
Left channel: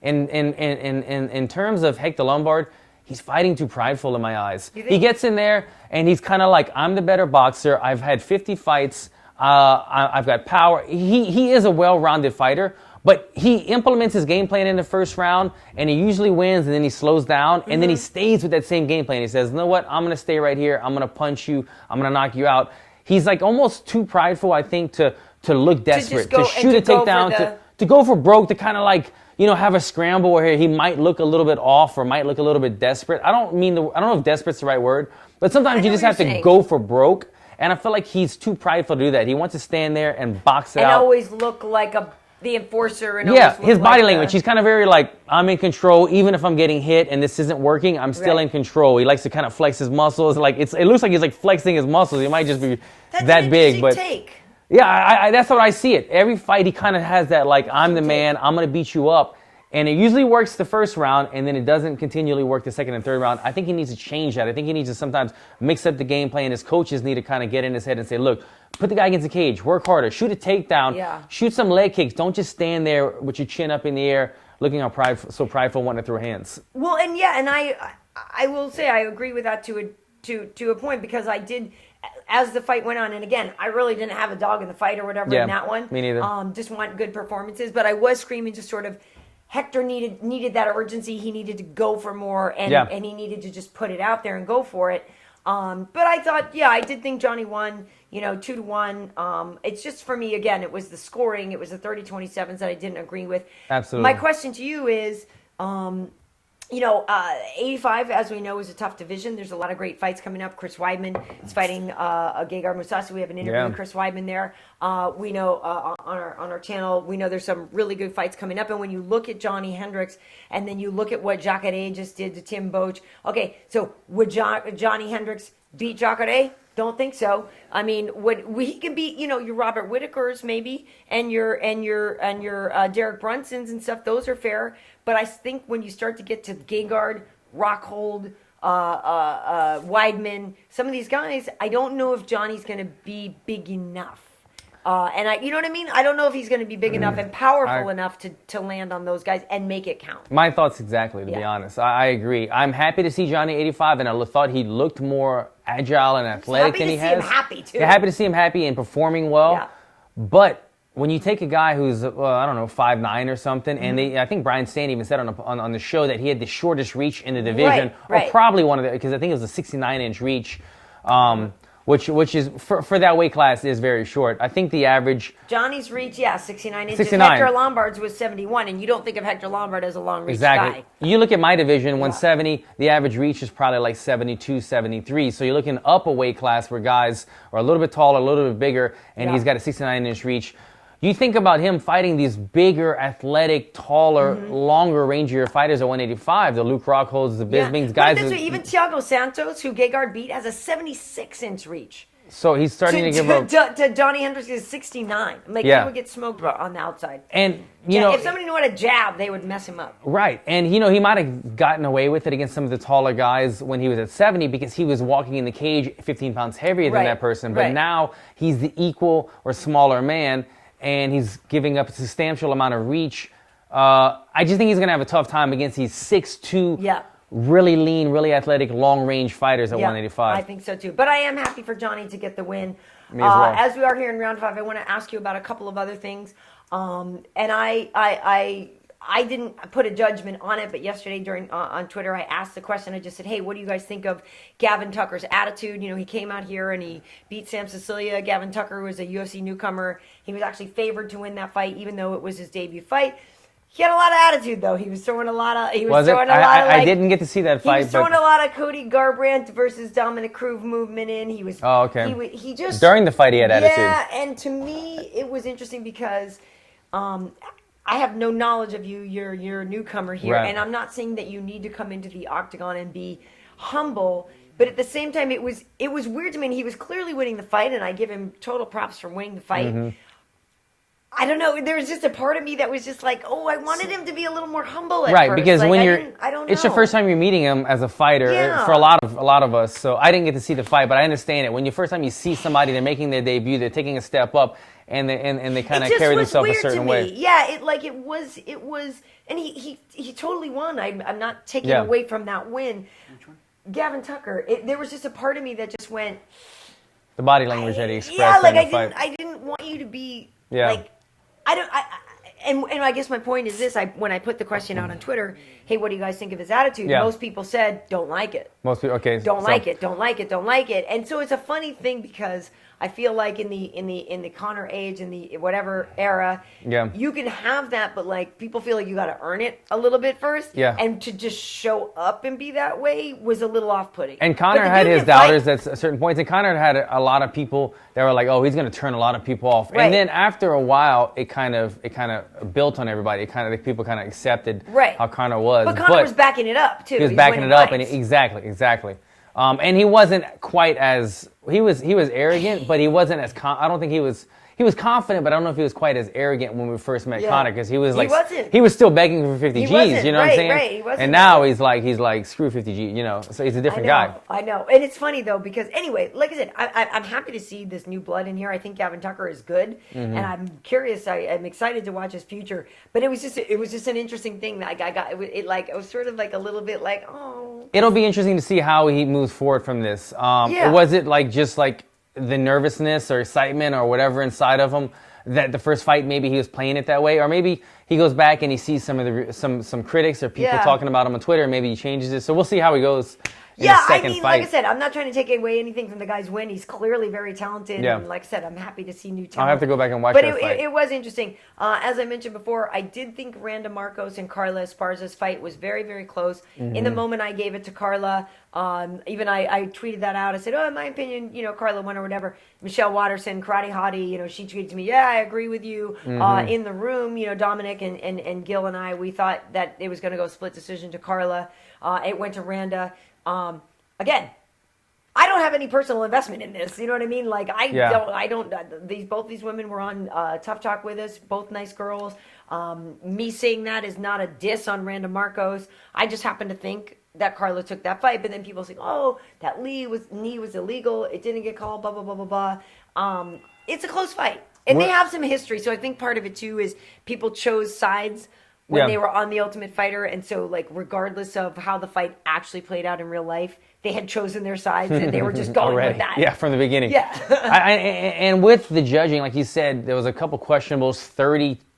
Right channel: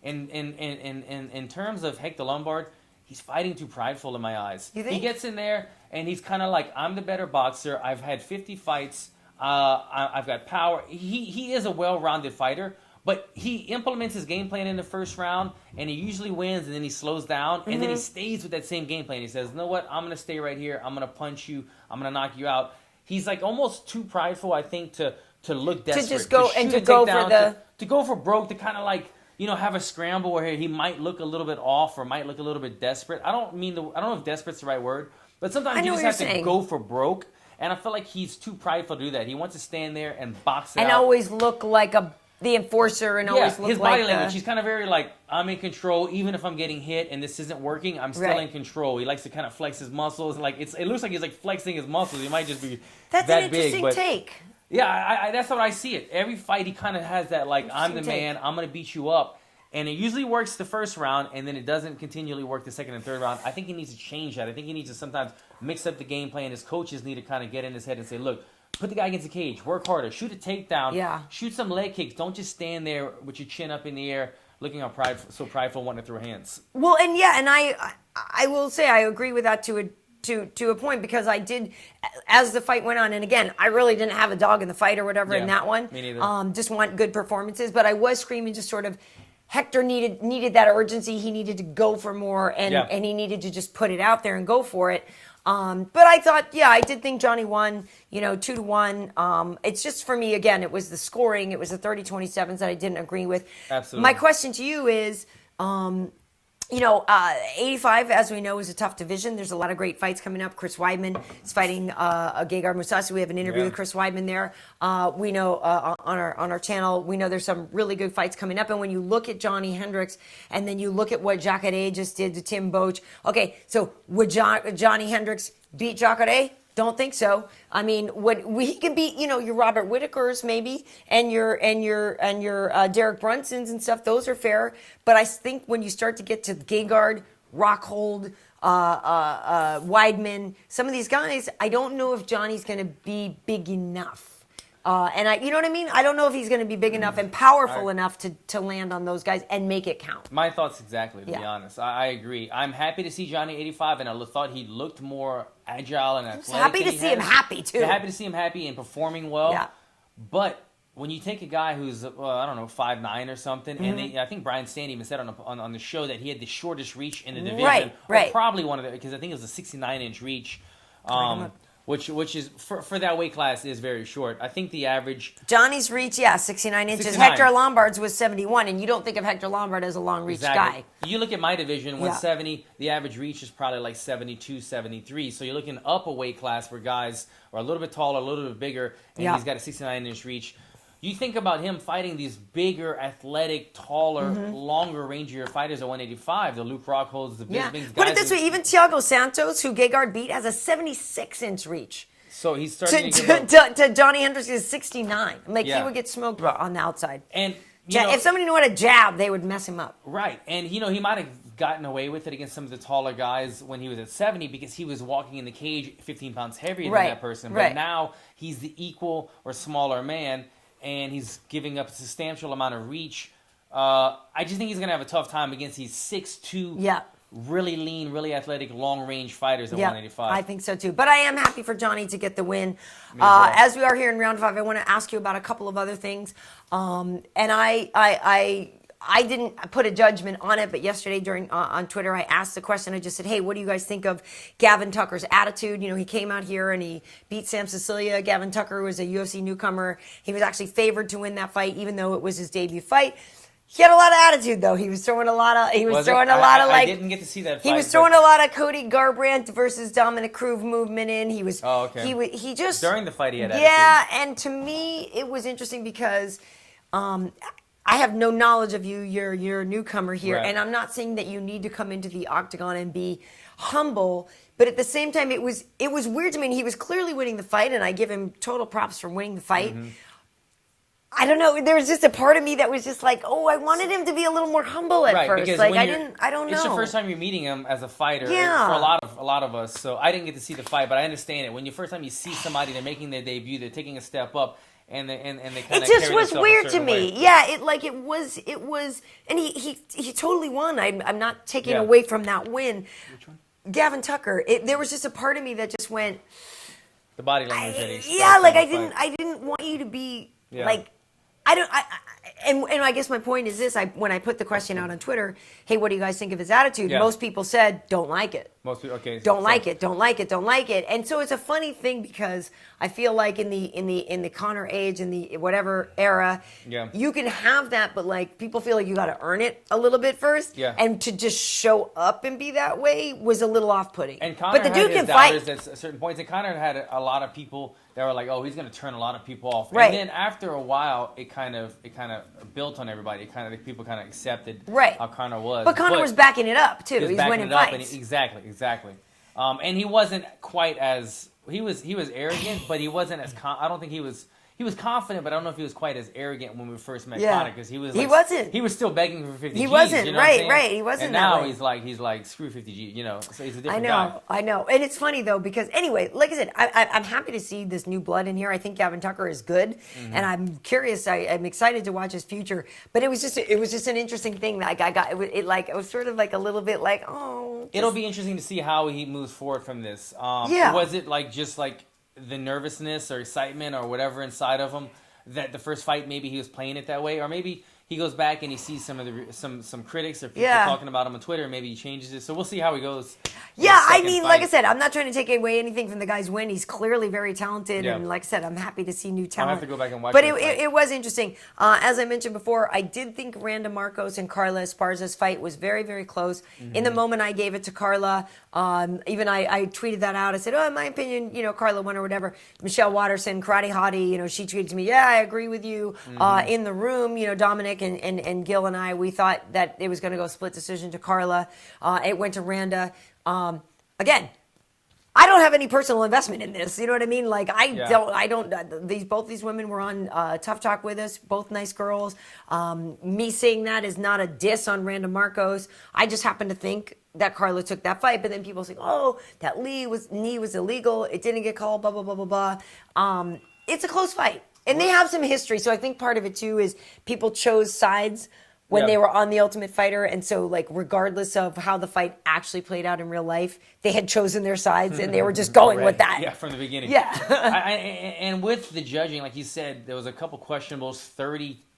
in terms of Hector Lombard, he's fighting too prideful in my eyes. He gets in there, and he's kind of like, I'm the better boxer. I've had 50 fights. I've got power. He is a well-rounded fighter, but he implements his game plan in the first round, and he usually wins, and then he slows down, and then he stays with that same game plan. He says, you know what? I'm going to stay right here. I'm going to punch you. I'm going to knock you out. He's like almost too prideful, I think, to look desperate, to shoot a takedown, to go for broke, to kind of like, have a scramble where he might look a little bit off or might look a little bit desperate. I don't know if desperate's the right word, but sometimes you just have to go for broke. And I feel like he's too prideful to do that. He wants to stand there and box it out. And always look like a the enforcer and his body language. He's kind of very like, I'm in control, even if I'm getting hit and this isn't working, I'm still in control. He likes to kind of flex his muscles. Like it looks like he's like flexing his muscles. He might just be that big, but take. Yeah, that's what I see it. Every fight he kind of has that like, I'm the man, I'm gonna beat you up. And it usually works the first round, and then it doesn't continually work the second and third round. I think he needs to change that. I think he needs to sometimes mix up the game play, and his coaches need to kind of get in his head and say, look, put the guy against the cage, work harder, shoot a takedown, shoot some leg kicks. Don't just stand there with your chin up in the air looking so prideful, wanting to throw hands. Well, and I will say I agree with that to a point, because I did, as the fight went on, and again, I really didn't have a dog in the fight or whatever in that one. Me neither. Just want good performances, but I was screaming just sort of, Hector needed that urgency. He needed to go for more, and he needed to just put it out there and go for it. But I thought, I did think Jouny won, 2-1. It's just, for me, again, it was the scoring. It was the 30-27s that I didn't agree with. Absolutely. My question to you is, 85, as we know, is a tough division. There's a lot of great fights coming up. Chris Weidman is fighting Gegard Mousasi. We have an interview with Chris Weidman there. We know on our channel, we know there's some really good fights coming up. And when you look at Jouny Hendricks, and then you look at what H.E.A.T just did to Tim Boetsch. Okay, so would Jouny Hendricks beat H.E.A.T? Don't think so. I mean, what we can beat, your Robert Whitakers maybe, and your Derrick Brunsons and stuff. Those are fair. But I think when you start to get to Gegard, Rockhold, Weidman, some of these guys, I don't know if Johnny's going to be big enough. And you know what I mean? I don't know if he's going to be big enough and powerful enough to land on those guys and make it count. My thoughts exactly, to be honest. I agree. I'm happy to see Jouny 85, and I thought he looked more agile and athletic than he has. Happy to see him happy, too. Yeah, happy to see him happy and performing well. Yeah. But when you take a guy who's, 5'9" or something, and I think Brian Stan even said on the show that he had the shortest reach in the division, or probably one of the, because I think it was a 69-inch reach, which is, for that weight class, is very short. I think the average... Johnny's reach, 69 inches. 69. Hector Lombard's was 71, and you don't think of Hector Lombard as a long-reach guy. You look at my division, 170, the average reach is probably like 72, 73. So you're looking up a weight class where guys are a little bit taller, a little bit bigger, and he's got a 69-inch reach. You think about him fighting these bigger, athletic, taller, longer, rangier fighters at 185. The Luke Rockholds, the Bispings, guys. But even Thiago Santos, who Gegard beat, has a 76-inch reach. So he's starting to give up. To Jouny Hendricks is 69. Like, he would get smoked on the outside. And, if somebody knew how to jab, they would mess him up. Right. And, he might have gotten away with it against some of the taller guys when he was at 70 because he was walking in the cage 15 pounds heavier than that person. But now he's the equal or smaller man, and he's giving up a substantial amount of reach. I just think he's going to have a tough time against these 6'2", really lean, really athletic, long-range fighters at 185. I think so, too. But I am happy for Jouny to get the win. Me as well. As we are here in round 5, I want to ask you about a couple of other things. And I didn't put a judgment on it, but yesterday on Twitter, I asked the question. I just said, hey, what do you guys think of Gavin Tucker's attitude? He came out here and he beat Sam Sicilia. Gavin Tucker was a UFC newcomer. He was actually favored to win that fight, even though it was his debut fight. He had a lot of attitude, though. He was throwing a lot of... I didn't get to see that fight. He was throwing a lot of Cody Garbrandt versus Dominic Cruz movement in. He was... Oh, okay. He just... During the fight, he had attitude. Yeah, and to me, it was interesting because... I have no knowledge of you. You're a newcomer here. Right. And I'm not saying that you need to come into the octagon and be humble. But at the same time, it was weird to me. And he was clearly winning the fight, and I give him total props for winning the fight. I don't know. There was just a part of me that was just like, I wanted him to be a little more humble at first. Right, because when I don't know. It's your first time you're meeting him as a fighter for a lot of us. So I didn't get to see the fight, but I understand it. When the first time you see somebody, they're making their debut, they're taking a step up, and they kind of carry themselves a certain way. It just was weird to me. Yeah, it was, and he totally won. I'm not taking away from that win. Which one? Gavin Tucker. There was just a part of me that just went. The body language that he expressed. Yeah, like I didn't want you to be like. And I guess my point is this: when I put the question out on Twitter, hey, what do you guys think of his attitude? Most people said, don't like it. Most people, okay. Don't like it. And so it's a funny thing because I feel like in the Conor age, in the whatever era, you can have that, but like people feel like you got to earn it a little bit first. Yeah. And to just show up and be that way was a little off-putting. And Conor had his doubters at certain points, and Conor had a lot of people that were like, oh, he's going to turn a lot of people off. Right. And then after a while, it kind of built on everybody. People kind of accepted how Conor was. But Conor was backing it up too. He was backing it up, and exactly. And he wasn't quite as he was arrogant, but he wasn't as I don't think he was. He was confident, but I don't know if he was quite as arrogant when we first met Conor, because he was like he was still begging for 50 G's. You know what I'm saying? Right. He wasn't. And now he's like screw 50 G. You know, so he's a different guy. I know, and it's funny though because anyway, like I said, I'm happy to see this new blood in here. I think Gavin Tucker is good, and I'm curious. I'm excited to watch his future. But it was just an interesting thing. Like it was sort of like a little bit like It'll be interesting to see how he moves forward from this. Was it like just like the nervousness or excitement or whatever inside of him that the first fight maybe he was playing it that way, or maybe he goes back and he sees some of the some critics or people talking about him on Twitter and maybe he changes it. So we'll see how he goes. I mean, like I said, I'm not trying to take away anything from the guy's win. He's clearly very talented, and like I said, I'm happy to see new talent. I'll have to go back and watch. But it was interesting. As I mentioned before, I did think Randa Markos and Carla Esparza's fight was very, very close. In the moment, I gave it to Carla. Even I tweeted that out. I said, in my opinion, Carla won or whatever. Michelle Watterson, Karate Hottie, she tweeted to me, I agree with you. In the room, Dominic and Gil and I, we thought that it was going to go split decision to Carla. It went to Randa. Again, I don't have any personal investment in this. You know what I mean? Like both these women were on Tough Talk with us, both nice girls. Me saying that is not a diss on Randa Markos. I just happen to think that Carla took that fight, but then people say, that knee was illegal. It didn't get called, blah, blah, blah, blah, blah. It's a close fight. And they have some history. So I think part of it too is people chose sides when they were on The Ultimate Fighter, and so like regardless of how the fight actually played out in real life, they had chosen their sides and they were just going with that. Yeah, from the beginning. Yeah. And with the judging, like you said, there was a couple questionables,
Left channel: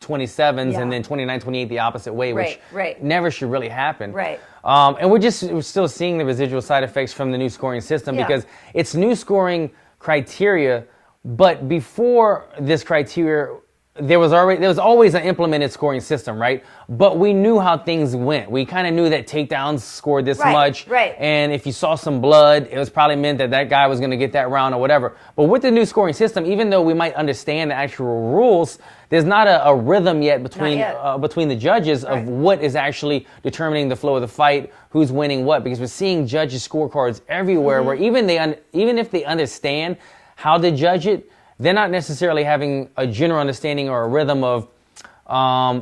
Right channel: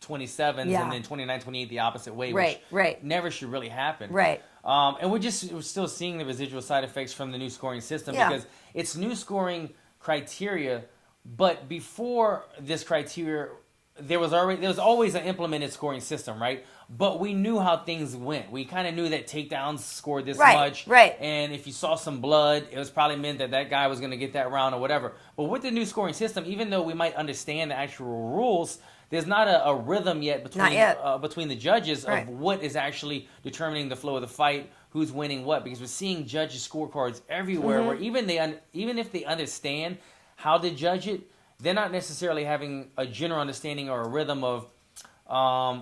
30-27s, and then 29-28 the opposite way, which never should really happen. Right. And we're still seeing the residual side effects from the new scoring system because it's new scoring criteria, but before this criteria, there was always an implemented scoring system, right? But we knew how things went. We kind of knew that takedowns scored this much. Right. And if you saw some blood, it was probably meant that guy was going to get that round or whatever. But with the new scoring system, even though we might understand the actual rules, there's not a rhythm yet between the judges of what is actually determining the flow of the fight, who's winning what. Because we're seeing judges' scorecards everywhere where even if they understand how to judge it, they're not necessarily having a general understanding or a rhythm of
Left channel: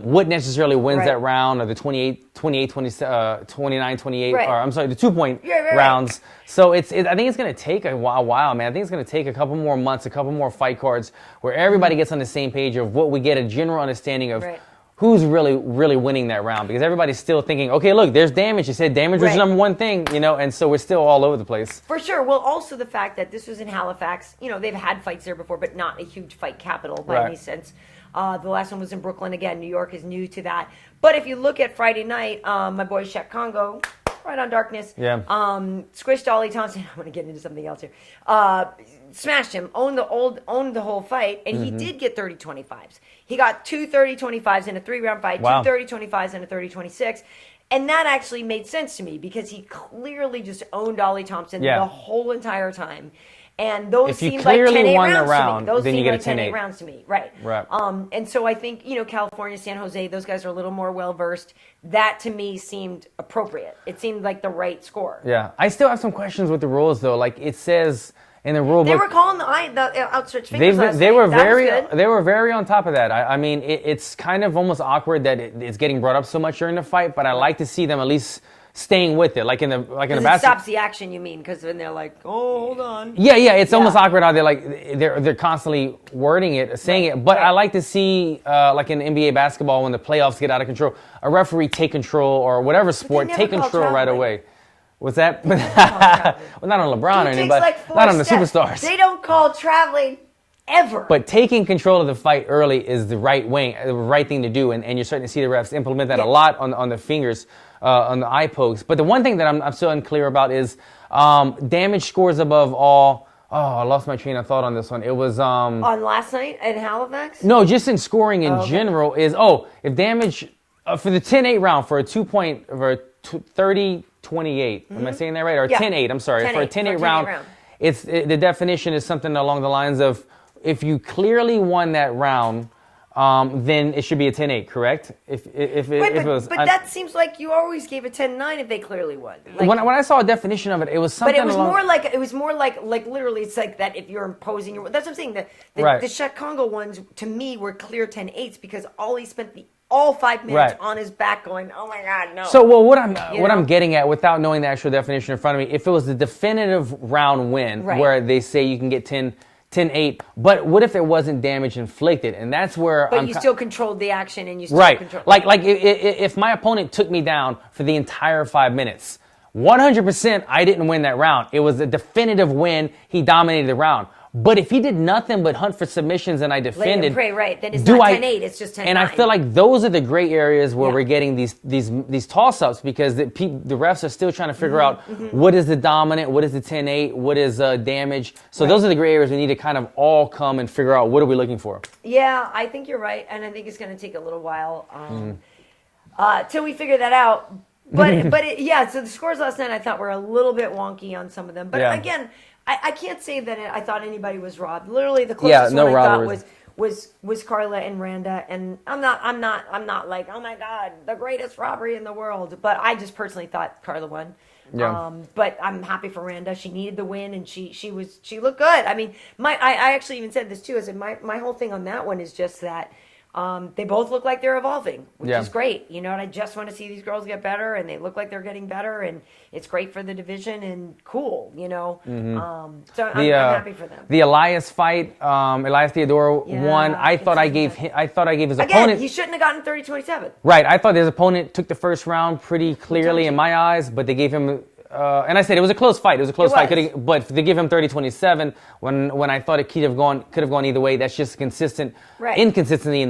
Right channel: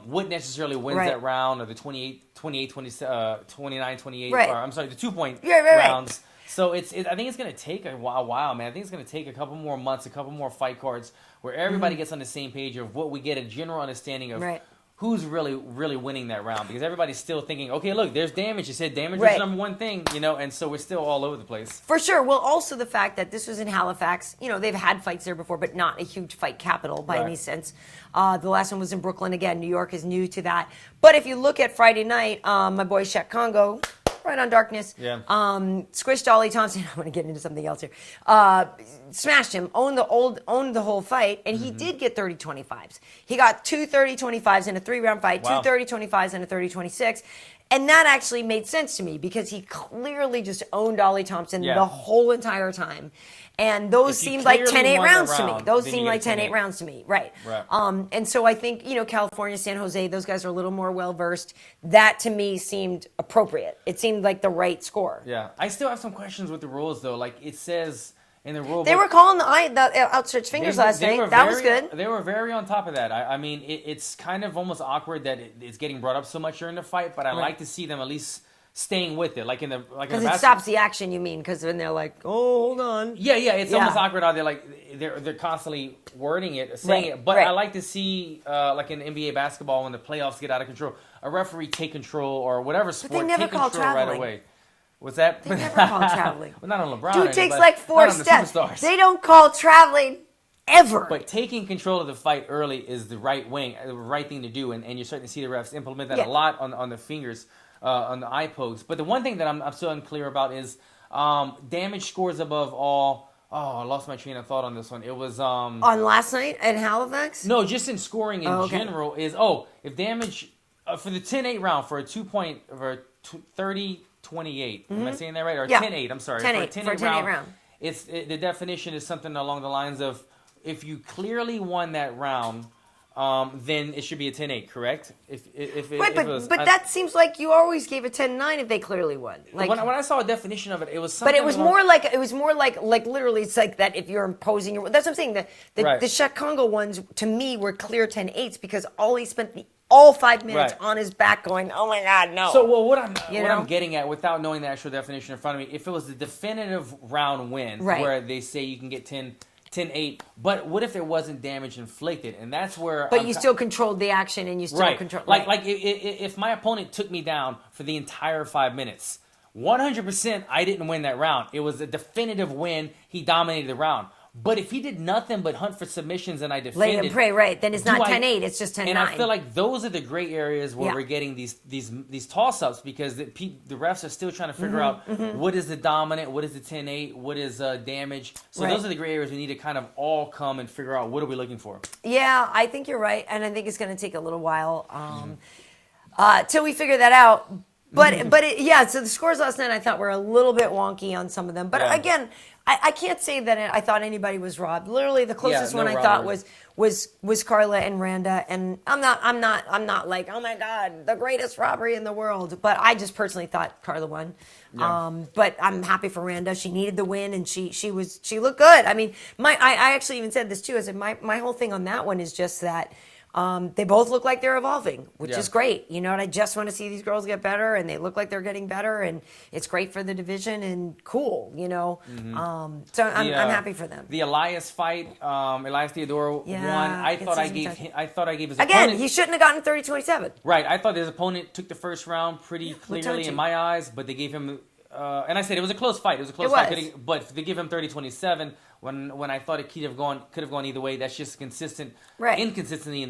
what necessarily wins that round, or the 29-28, or I'm sorry, the 2-point rounds. So I think it's going to take a while, man. I think it's going to take a couple more months, a couple more fight cards where everybody gets on the same page of what we get a general understanding of who's really, really winning that round. Because everybody's still thinking, okay, look, there's damage. You said damage was the number one thing, and so we're still all over the place. For sure. Well, also the fact that this was in Halifax, they've had fights there before, but not a huge fight capital by any sense. The last one was in Brooklyn. Again, New York is new to that. But if you look at Friday night, my boy Shaq Congo, right on darkness. Yeah. Squished Ollie Thompson. I'm going to get into something else here. Smashed him, owned the whole fight, and he did get 30-25s. He got 2 30-25s in a 3-round fight, 2 30-25s and a 30-26. And that actually made sense to me because he clearly just owned Ollie Thompson the whole entire time. And those seemed like 10-8 rounds to me. Those seemed like 10-8 rounds to me. Right. And so I think, California, San Jose, those guys are a little more well-versed. That, to me, seemed appropriate. It seemed like the right score. Yeah. I still have some questions with the rules, though. Like, it says in the rule book, they were calling the outstretched fingers last night. They were very on top of that. I mean, it's kind of almost awkward that it's getting brought up so much during the fight, but I like to see them at least staying with it, like in the it stops the action, you mean? Because when they're like, hold on. Yeah, it's almost awkward how they're constantly wording it, saying it. But I like to see, like in NBA basketball, when the playoffs get out of control, a referee take control, or whatever sport, take control right away. What's that? Well, not on LeBron or anybody, not on the superstars. They don't call traveling ever. But taking control of the fight early is the right thing to do, and you're starting to see the refs implement that a lot on the fingers. On the eye pokes. But the one thing that I'm still unclear about is damage scores above all. Oh, I lost my train of thought on this one. It was on last night at Halifax? No, just in scoring in general is if damage for the 10-8 round for a 2-point for a 30-28. Am I saying that right? Or 10-8, I'm sorry. For a 10-8 round. The definition is something along the lines of if you clearly won that round then it should be a 10-8, correct? If it was, but that seems like you always gave a 10-9 if they clearly won. Like, when I saw a definition of it, it was something. But it was more like literally, it's like that if you're imposing your. That's what I'm saying. The Czech Congo ones to me were clear 10-8s because he spent all 5 minutes on his back going, oh my God, no. So what I'm getting at without knowing the actual definition in front of me, if it was the definitive round win where they say you can get 10-8, but what if there wasn't damage inflicted? And that's where you still controlled the action and you still controlled. Like if my opponent took me down for the entire 5 minutes, 100% I didn't win that round. It was a definitive win. He dominated the round. But if he did nothing but hunt for submissions and I defended, lay and pray, right? Then it's not 10-8, it's just 10-9. And I feel like those are the gray areas where we're getting these toss-ups because the refs are still trying to figure out what is the dominant, what is the 10-8, what is damage. So those are the gray areas we need to kind of all come and figure out what are we looking for. Yeah, I think you're right, and I think it's going to take a little while till we figure that out. But so the scores last night I thought were a little bit wonky on some of them. But again, I can't say that I thought anybody was robbed. Literally, the closest one I thought was Carla and Randa, and I'm not like, oh my God, the greatest robbery in the world. But I just personally thought Carla won. Yeah. But I'm happy for Randa. She needed the win, and she looked good. I mean, I actually even said this too. I said my whole thing on that one is just that. They both look like they're evolving, which is great, and I just want to see these girls get better, and they look like they're getting better, and it's great for the division and cool, So I'm happy for them. The Elias fight, Elias Theodorou won. I thought I gave his opponent. He shouldn't have gotten 30-27. Right, I thought his opponent took the first round pretty clearly in my eyes, but they gave him. And I said it was a close fight. It was a close fight. But to give him 30-27 when I thought it could have gone either way, that's just inconsistency in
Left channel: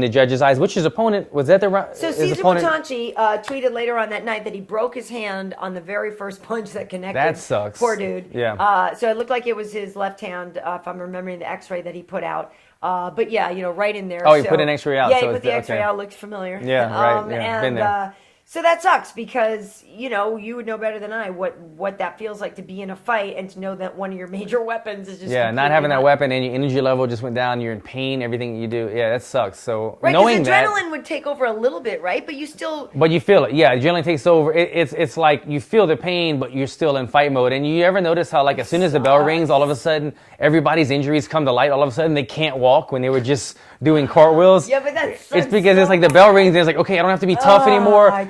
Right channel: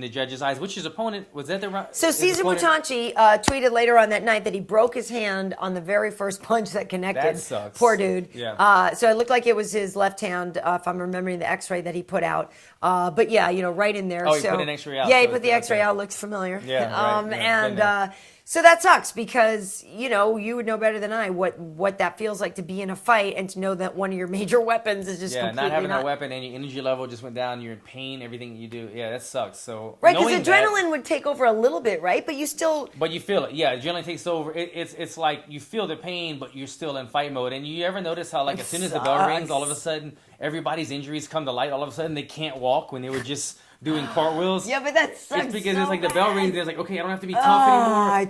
the judge's eyes. Which his opponent was that the round? So Cesar Potanci tweeted later on that night that he broke his hand on the very first punch that connected. That sucks. Poor dude. Yeah. So it looked like it was his left hand, if I'm remembering the X-ray that he put out. But yeah, right in there. Oh, he put an X-ray out. Yeah, he put the X-ray out. Looks familiar. Yeah, right. And so that sucks because, you would know better than I what that feels like to be in a fight and to know that one of your major weapons is just not having that weapon and your energy level just went down. You're in pain. Everything you do, that sucks. So right, because adrenaline would take over a little bit, right? But you still. But you feel it. Yeah, adrenaline takes over. It's like you feel the pain, but you're still in fight mode. And you ever notice how as soon as the bell rings, all of a sudden everybody's injuries come to light. All of a sudden they can't walk when they were just doing cartwheels. Yeah, but that's it's because it's like the bell rings and it's like, okay, I don't have to be tough anymore.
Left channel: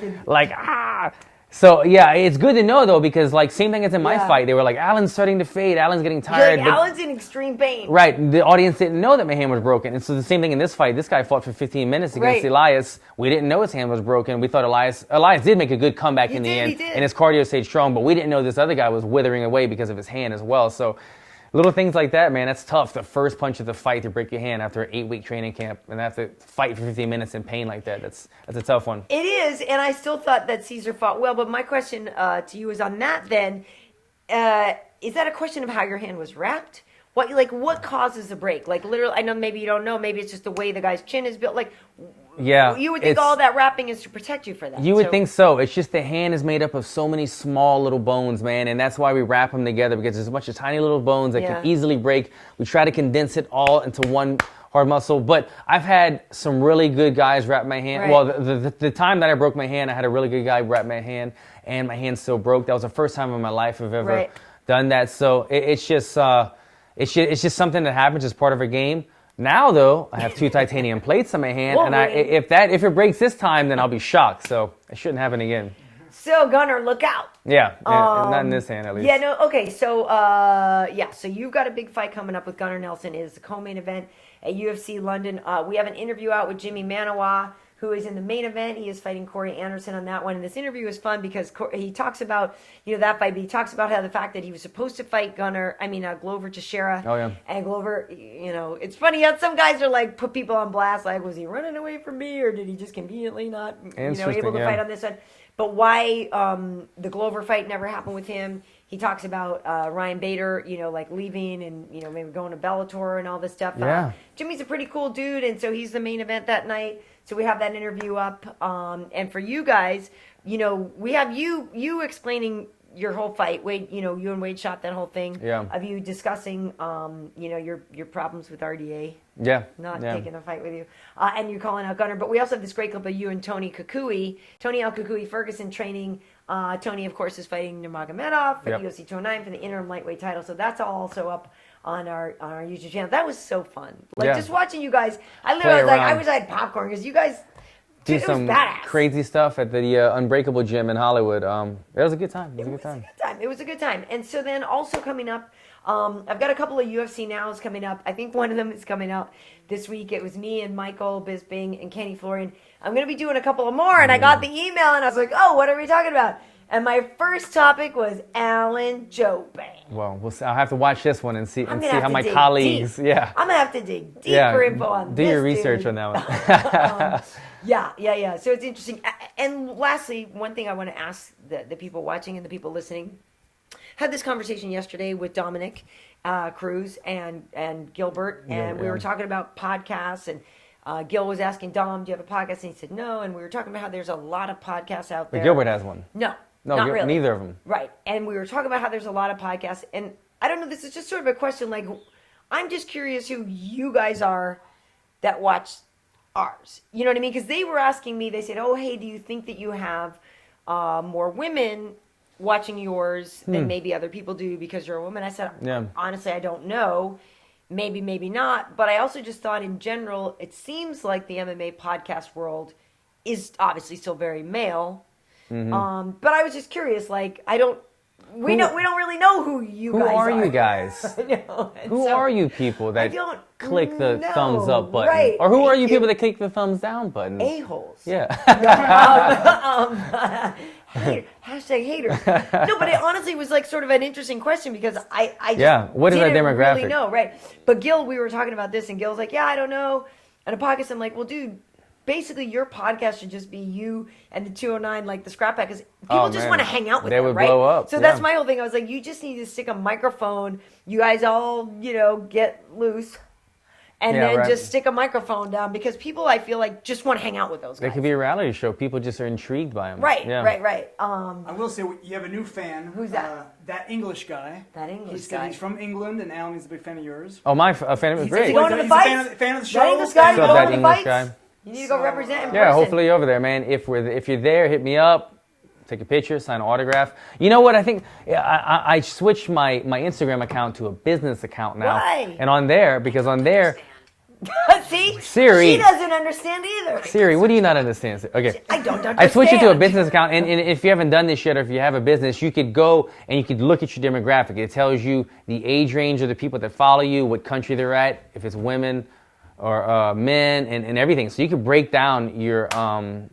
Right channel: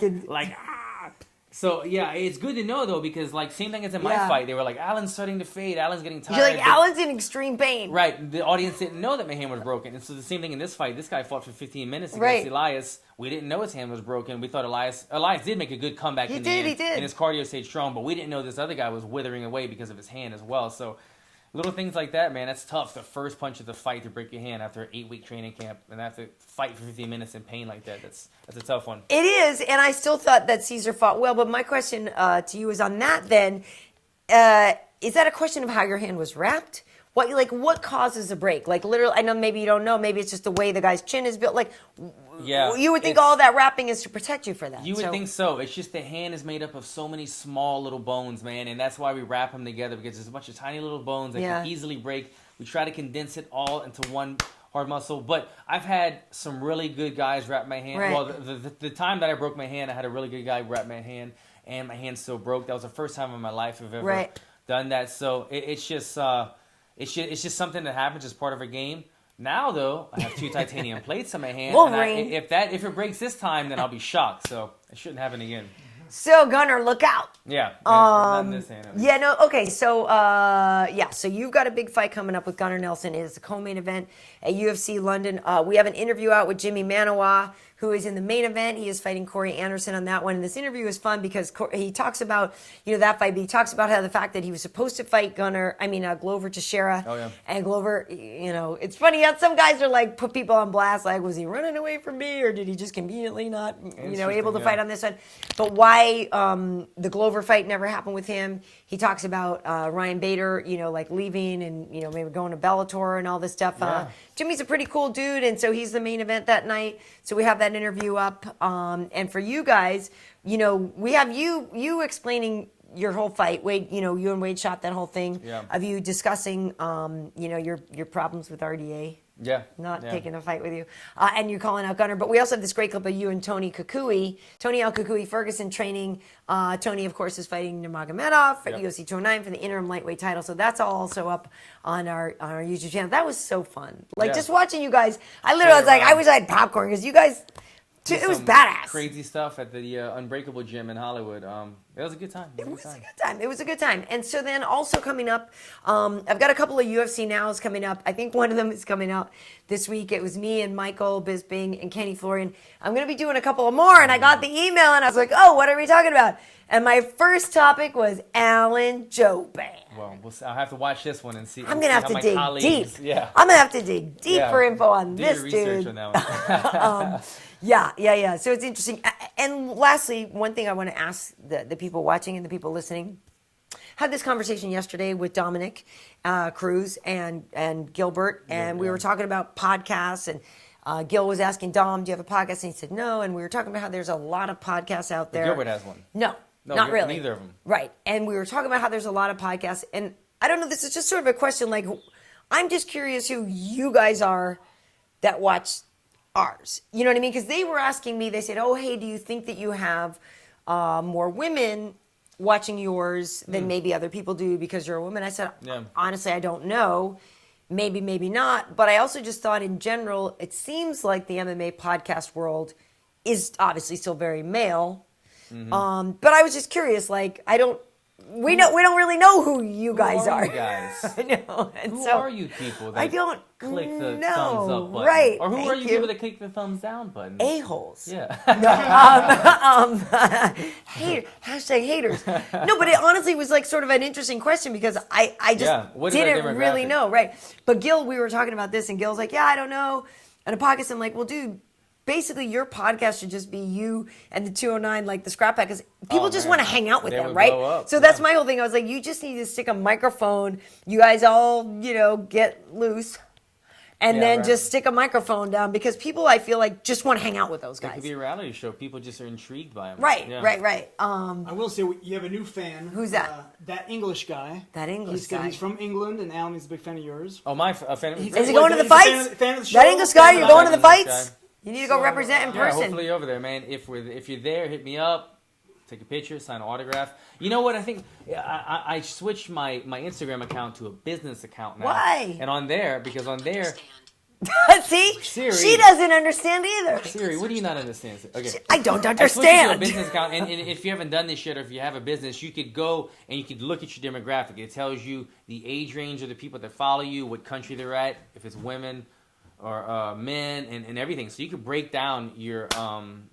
So yeah, it's good to know though because same thing as in my fight, they were like, Alan's starting to fade, Alan's getting tired. Alan's in extreme pain. Right, the audience didn't know that my hand was broken, and so the same thing in this fight. This guy fought for 15 minutes against Elias. We didn't know his hand was broken. We thought Elias did make a good comeback in the end, and his cardio stayed strong, but we didn't know this other guy was withering away because of his hand as well. So. Little things like that, man, that's tough. The first punch of the fight to break your hand after an 8-week training camp and have to fight for 15 minutes in pain like that. That's a tough one. It is, and I still thought that Cesar fought well. But my question to you is on that then, is that a question of how your hand was wrapped? What causes a break? Literally, I know maybe you don't know. Maybe it's just the way the guy's chin is built. You would think all that wrapping is to protect you for that. You would think so. It's just the hand is made up of so many small little bones, man, and that's why we wrap them together because there's a bunch of tiny little bones that can easily break. We try to condense it all into one hard muscle, but I've had some really good guys wrap my hand. Right. Well, the time that I broke my hand, I had a really good guy wrap my hand, and my hand still broke. That was the first time in my life I've ever done that. So it's just something that happens as part of a game. Now, though, I have 2 titanium plates on my hand, and if it breaks this time, then I'll be shocked. So it shouldn't happen again. So Gunnar, look out. Yeah, not in this hand at least. Yeah, no, okay. So so you've got a big fight coming up with Gunnar Nelson. It is a co-main event at UFC London. We have an interview out with Jimmy Manawa, who is in the main event. He is fighting Corey Anderson on that one. And this interview is fun because he talks about, that fight, but he talks about how the fact that he was supposed to fight Glover Teixeira. Oh, yeah. And Glover, it's funny how some guys are put people on blast, was he running away from me or did he just conveniently not, able to fight on this one? But why the Glover fight never happened with him. He talks about Ryan Bader, leaving and, maybe going to Bellator and all this stuff. Yeah. Jimmy's a pretty cool dude, and so he's the main event that night. So we have that interview up. And for you guys, we have you explaining your whole fight. Wade, you and Wade shot that whole thing of you discussing, your problems with RDA. Yeah. Not taking a fight with you. And you're calling out Gunnar. But we also have this great clip of you and Tony Al Kukui Ferguson training. Tony, of course, is fighting Nurmagomedov for the UFC 209 for the interim lightweight title. So that's all also up on our YouTube channel. That was so fun. Just watching you guys. I wish I had popcorn because you guys... Dude, it was badass. Crazy stuff at the Unbreakable gym in Hollywood. It was a good time. It was a good time. And so then also coming up, I've got a couple of UFC Nows coming up. I think one of them is coming out this week. It was me and Michael Bisping and Kenny Florian. I'm going to be doing a couple of more. And I got the email and I was like, oh, what are we talking about? And my first topic was Alan Jouban. Well, I'll have to watch this one and see how my colleagues... Deep. Yeah. I'm going to have to dig deeper info on this, do your research on that one. Yeah. So it's interesting. And lastly, one thing I want to ask the people watching and the people listening. Had this conversation yesterday with Dominic Cruz and Gilbert, and we were talking about podcasts, and Gil was asking Dom, do you have a podcast? And he said no, and we were talking about how there's a lot of podcasts out there. But Gilbert has one. No, not really. Neither of them. Right. And we were talking about how there's a lot of podcasts, and I don't know, this is just sort of a question, like, I'm just curious who you guys are that watch ours. You know what I mean? Because they were asking me, they said, oh, hey, do you think that you have more women watching yours than maybe other people do because you're a woman? I said, honestly, I don't know. Maybe not. But I also just thought in general, it seems like the MMA podcast world is obviously still very male. Mm-hmm. But I was just curious, like, we don't really know who you guys are. Who are you guys? Who are you people that click the thumbs up button? Right. Or who are you people that click the thumbs down button? A-holes. Yeah. Hashtag haters. No, but it honestly was like sort of an interesting question because I just what is didn't that demographic? Really know. Right. But Gil, we were talking about this and Gil's like, yeah, I don't know. And a podcast, I'm like, well, dude, basically your podcast should just be you and the 209, like the Scrap Pack, because people just want to hang out with them, right? Blow up. So that's my whole thing. I was like, you just need to stick a microphone. You guys all, get loose. And then just stick a microphone down because people, I feel like, just want to hang out with those guys. It could be a reality show. People just are intrigued by them. Right. I will say you have a new fan. Who's that? That English guy. He's from England, and now he's a big fan of yours. Oh, a fan of Is he going to the He's fights? Fan of the show. That English guy, you going to the fights? Guy. You need to go represent in person. Yeah, hopefully you're over there, man. If you're there, hit me up. Take a picture, sign an autograph. You know what? I think I switched my Instagram account to a business account now. Why? And on there, See? Siri. She doesn't understand either. Siri, what do you not understand? Okay. I don't understand. I switched it to a business account, and if you haven't done this yet, or if you have a business, you could go and you could look at your demographic. It tells you the age range of the people that follow you, what country they're at, if it's women or men, and everything. So you could break down your chart.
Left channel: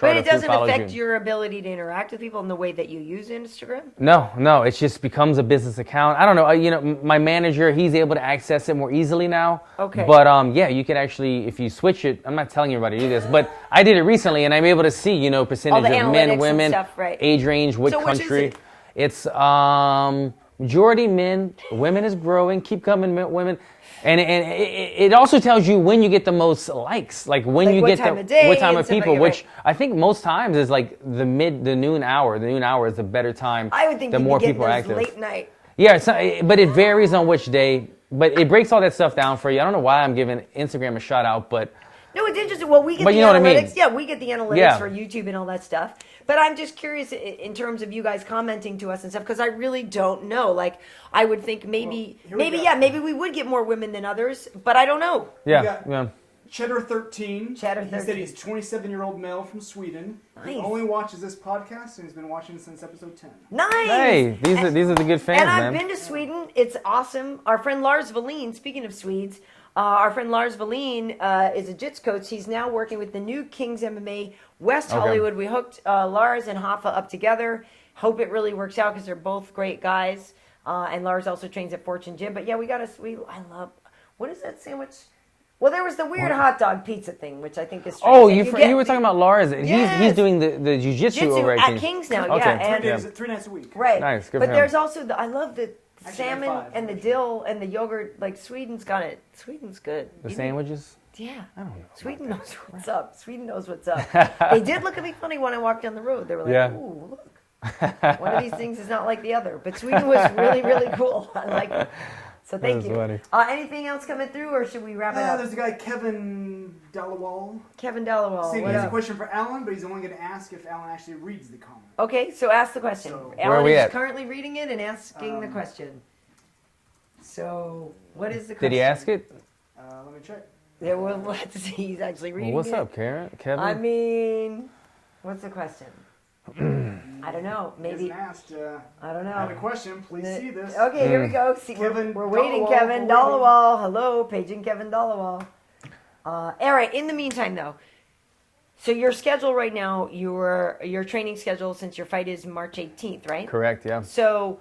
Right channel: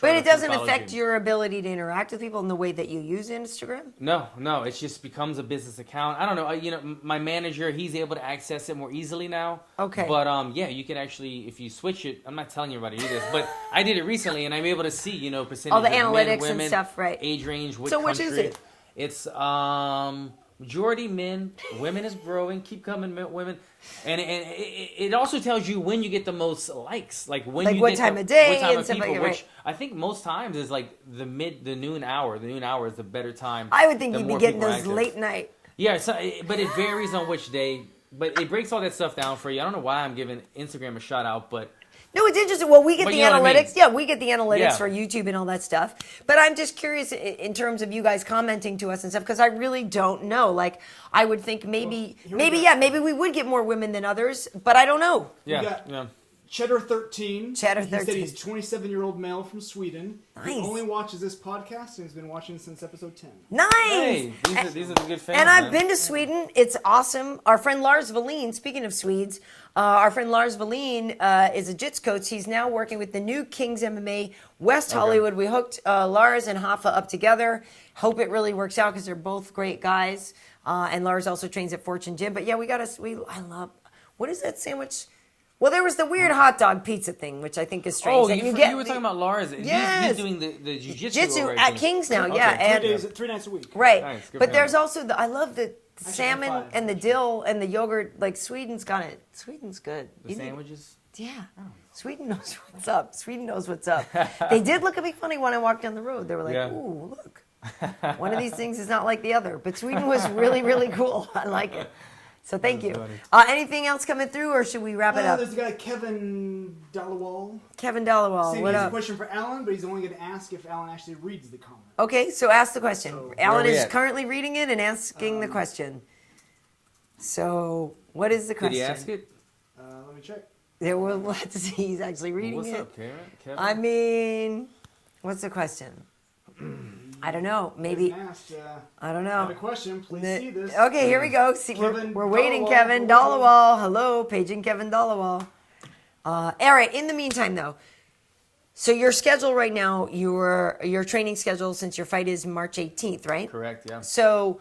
But it doesn't affect your ability to interact with people in the way that you use Instagram? No, it just becomes a business account. I don't know, my manager, he's able to access it more easily now. Okay. But you could actually, if you switch it, I'm not telling everybody to do this, but I did it recently and I'm able to see, percentage of men, women, stuff, right. age range, what country. Which is it? It's majority men, women is growing, keep coming women. And it also tells you when you get the most likes, like when you get what time of people, which I think most times is like the noon hour. The noon hour is the better time. I would think the you'd more be getting people are those active. late night. Yeah, but it varies on which day. But it breaks all that stuff down for you. I don't know why I'm giving Instagram a shout out, but. No, it's interesting. Well, we get the analytics. Yeah, we get the analytics for YouTube and all that stuff. But I'm just curious in terms of you guys commenting to us and stuff because I really don't know. Like, I would think maybe we would get more women than others, but I don't know. Yeah. Cheddar 13. He said he's a 27-year-old male from Sweden. Nice. He only watches this podcast and he's been watching since episode 10. Nice. Hey, these are the good fans. And I've been to Sweden. It's awesome. Our friend Lars Wallin, speaking of Swedes, our friend Lars Wallin is a jiu-jitsu coach. He's now working with the new Kings MMA West Hollywood. We hooked Lars and Hoffa up together. Hope it really works out because they're both great guys. And Lars also trains at Fortune Gym. But yeah, I love, what is that sandwich? Well, there was the weird hot dog pizza thing, which I think is strange. Oh, you were talking about Lars. Yes. He's doing the jiu-jitsu over at Kings now, okay. And 3 nights a week. Right. Nice, good but for there's him. also I love the salmon and the dill and the yogurt. Like Sweden's got it. Sweden's good. The sandwiches? Yeah. I don't know. Sweden knows what's up. Sweden knows what's up. They did look at me funny when I walked down the road. They were like, ooh, look. One of these things is not like the other. But Sweden was really, really cool. I like it. So thank you. Anything else coming through, or should we wrap it up? There's the guy Kevin Dallowall. Kevin Dallowall. Saying he has a question for Alan, but he's only going to ask if Alan actually reads the comment. Okay, so ask the question. So, Alan is currently reading it and asking the question. So, what is the question? Did he ask it? Let me check. Yeah, we'll have to see. He's actually reading What's it. up, Kevin? I mean, what's the question? I don't know. Maybe. Asked, I don't know. I have a question. Please see this. Okay, here we go. See, Kevin we're waiting, Kevin Dallowall. Hello, paging Kevin Dallowall. All right. In the meantime, though, so your schedule right now, your training schedule since your fight is March 18th, right? Correct. Yeah. So,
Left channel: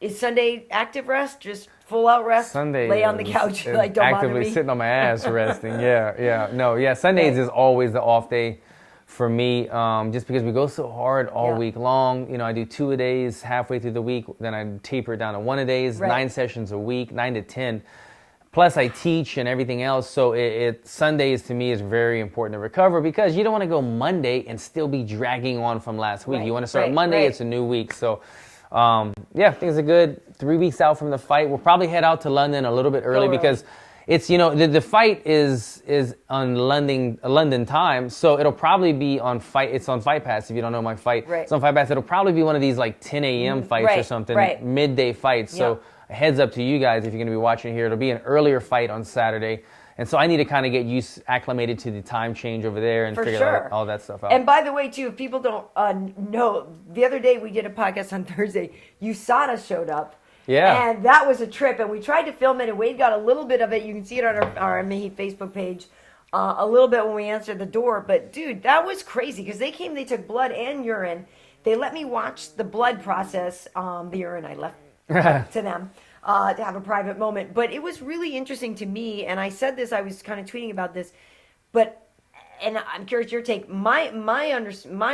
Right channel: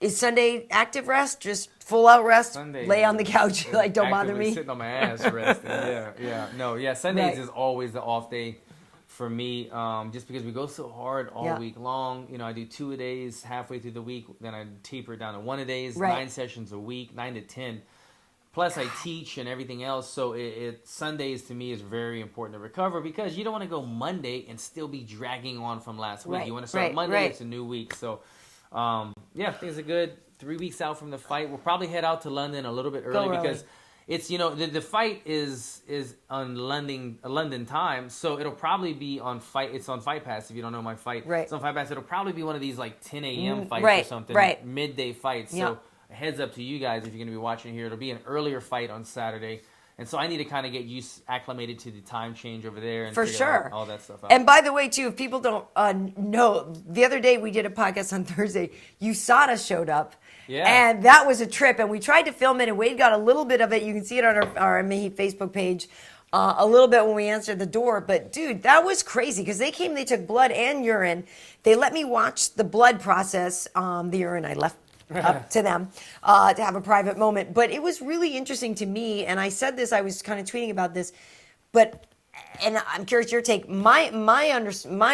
is Sunday active rest? Just full out rest? Sunday. Lay on the couch like don't bother actively me. sitting on my ass resting. Yeah. Sundays is always the off day for me, just because we go so hard all week long. You know, I do 2 a days halfway through the week, then I taper it down to 1 a days, 9 sessions a week, 9 to 10. Plus I teach and everything else, so Sundays to me is very important to recover, because you don't want to go Monday and still be dragging on from last week. You want to start Monday, it's a new week. So things are good. 3 weeks out from the fight. We'll probably head out to London a little bit early because it's, the fight is on London time, so it'll probably be on Fight. It's on Fight Pass if you don't know my fight. It's on Fight Pass. It'll probably be one of these like 10 a.m. fights or something, midday fights. So a heads up to you guys if you're going to be watching here. It'll be an earlier fight on Saturday. And so I need to kind of get acclimated to the time change over there and figure all that stuff out. And by the way, too, if people don't know, the other day we did a podcast on Thursday. USADA showed up. Yeah. And that was a trip. And we tried to film it, and Wade got a little bit of it. You can see it on our MMA Facebook page a little bit when we answered the door. But, dude, that was crazy because they took blood and urine. They let me watch the blood process. The urine I left to them to have a private moment. But it was really interesting to me. And I said this, I was kind of tweeting about this. And I'm curious your take. My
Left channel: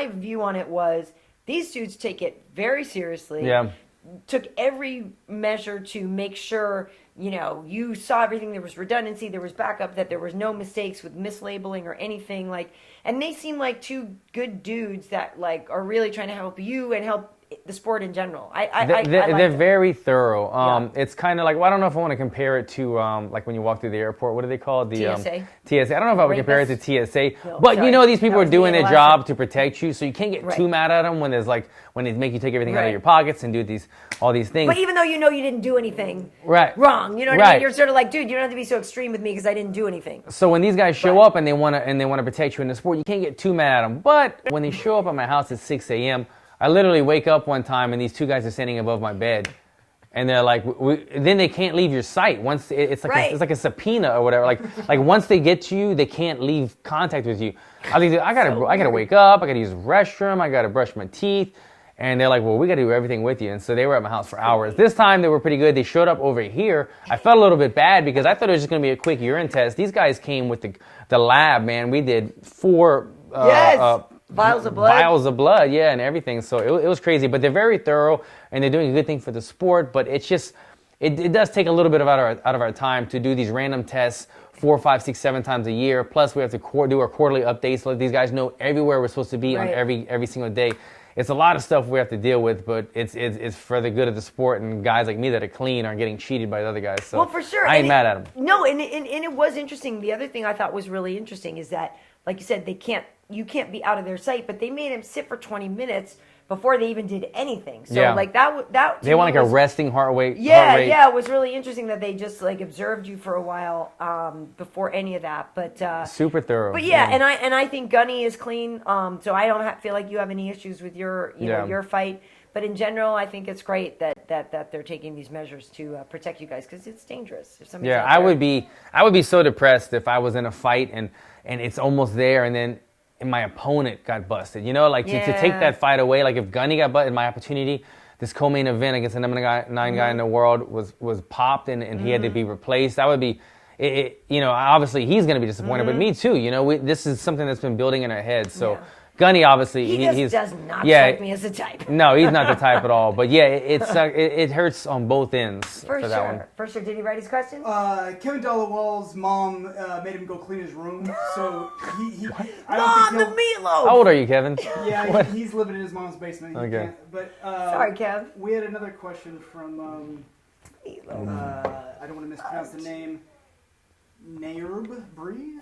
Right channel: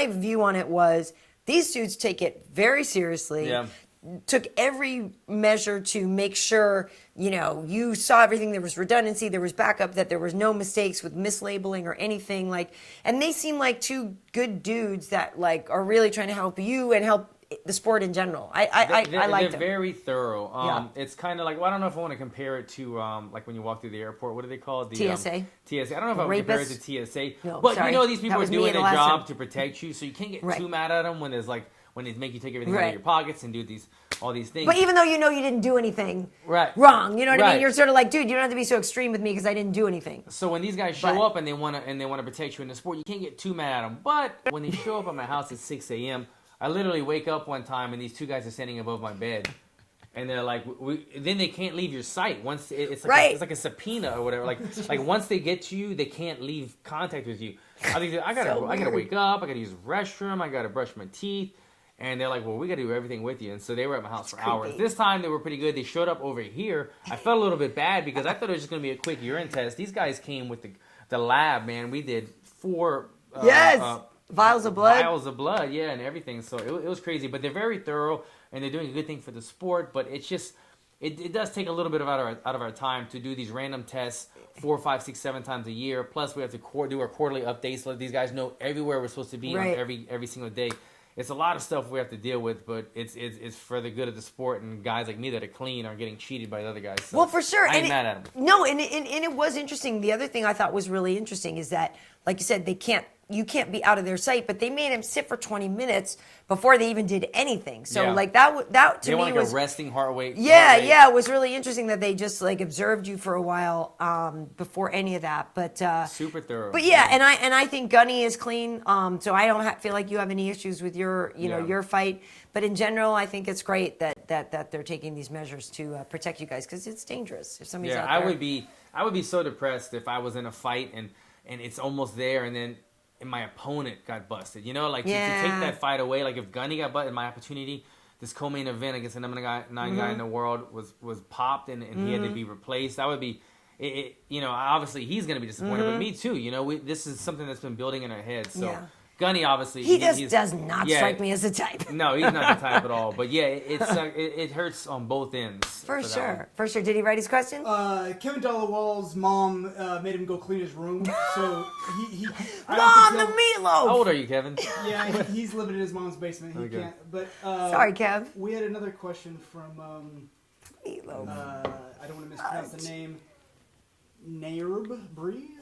view on it was these dudes take it very seriously. Yeah. Took every measure to make sure, you saw everything. There was redundancy, there was backup, that there was no mistakes with mislabeling or anything. And they seem like two good dudes that are really trying to help you and help the sport in general. They're very thorough. It's kind of like, I don't know if I want to compare it to like when you walk through the airport. What are they called? The TSA. TSA. I don't know if I would compare it to TSA, but these people are doing their job to protect you, so you can't get too mad at them when they make you take everything out of your pockets and do all these things. But even though you didn't do anything wrong, you know what I mean? You're sort of like, dude, you don't have to be so extreme with me because I didn't do anything. So when these guys show up and they want to protect you in the sport, you can't get too mad at them. But when they show up at my house at 6 a.m., I literally wake up one time and these two guys are standing above my bed, and they're like, then they can't leave your sight. Once it's like a subpoena or whatever. Like once they get to you, they can't leave contact with you. I gotta wake up. I gotta use the restroom. I gotta brush my teeth. And they're like, well, we gotta do everything with you. And so they were at my house for hours. This time they were pretty good. They showed up over here. I felt a little bit bad because I thought it was just gonna be a quick urine test. These guys came with the lab, man. We did 4 vials of blood, and everything. So it was crazy, but they're very thorough and they're doing a good thing for the sport. But it's just, it does take a little bit out of our time to do these random tests 4, 5, 6, 7 times a year. Plus we have to do our quarterly updates so these guys know everywhere we're supposed to be on every single day. It's a lot of stuff we have to deal with, but it's for the good of the sport, and guys like me that are clean aren't getting cheated by the other guys. So well, for sure. I ain't mad at them. No, and it was interesting. The other thing I thought was really interesting is that, like you said, you can't be out of their sight, but they made him sit for 20 minutes before they even did anything. So that they want a resting heart rate. Yeah, it was really interesting that they just observed you for a while before any of that. But super thorough. But and I think Gunny is clean. So I don't feel like you have any issues with your your fight. But in general, I think it's great that they're taking these measures to protect you guys because it's dangerous. If somebody's out there. I would be so depressed if I was in a fight and it's almost there and then. And my opponent got busted, to take that fight away. Like if Gunny got busted, my opportunity, this co-main event against the number 9 guy in the world was popped and he had to be replaced. That would be, obviously he's going to be disappointed, but me too. This is something that's been building in our heads. So Gunny, obviously, he does not strike me as a type. No, he's not the type at all. But yeah, it hurts on both ends. For sure. Did he write his question? Kevin Dollawall's mom made him go clean his room, so he Mom, the meatloaf. How old are you, Kevin? Yeah, he's living in his mom's basement. He Okay. can't. But sorry, Kev. We had another question from Meatloaf. I don't want to mispronounce the name. Nairb Bree.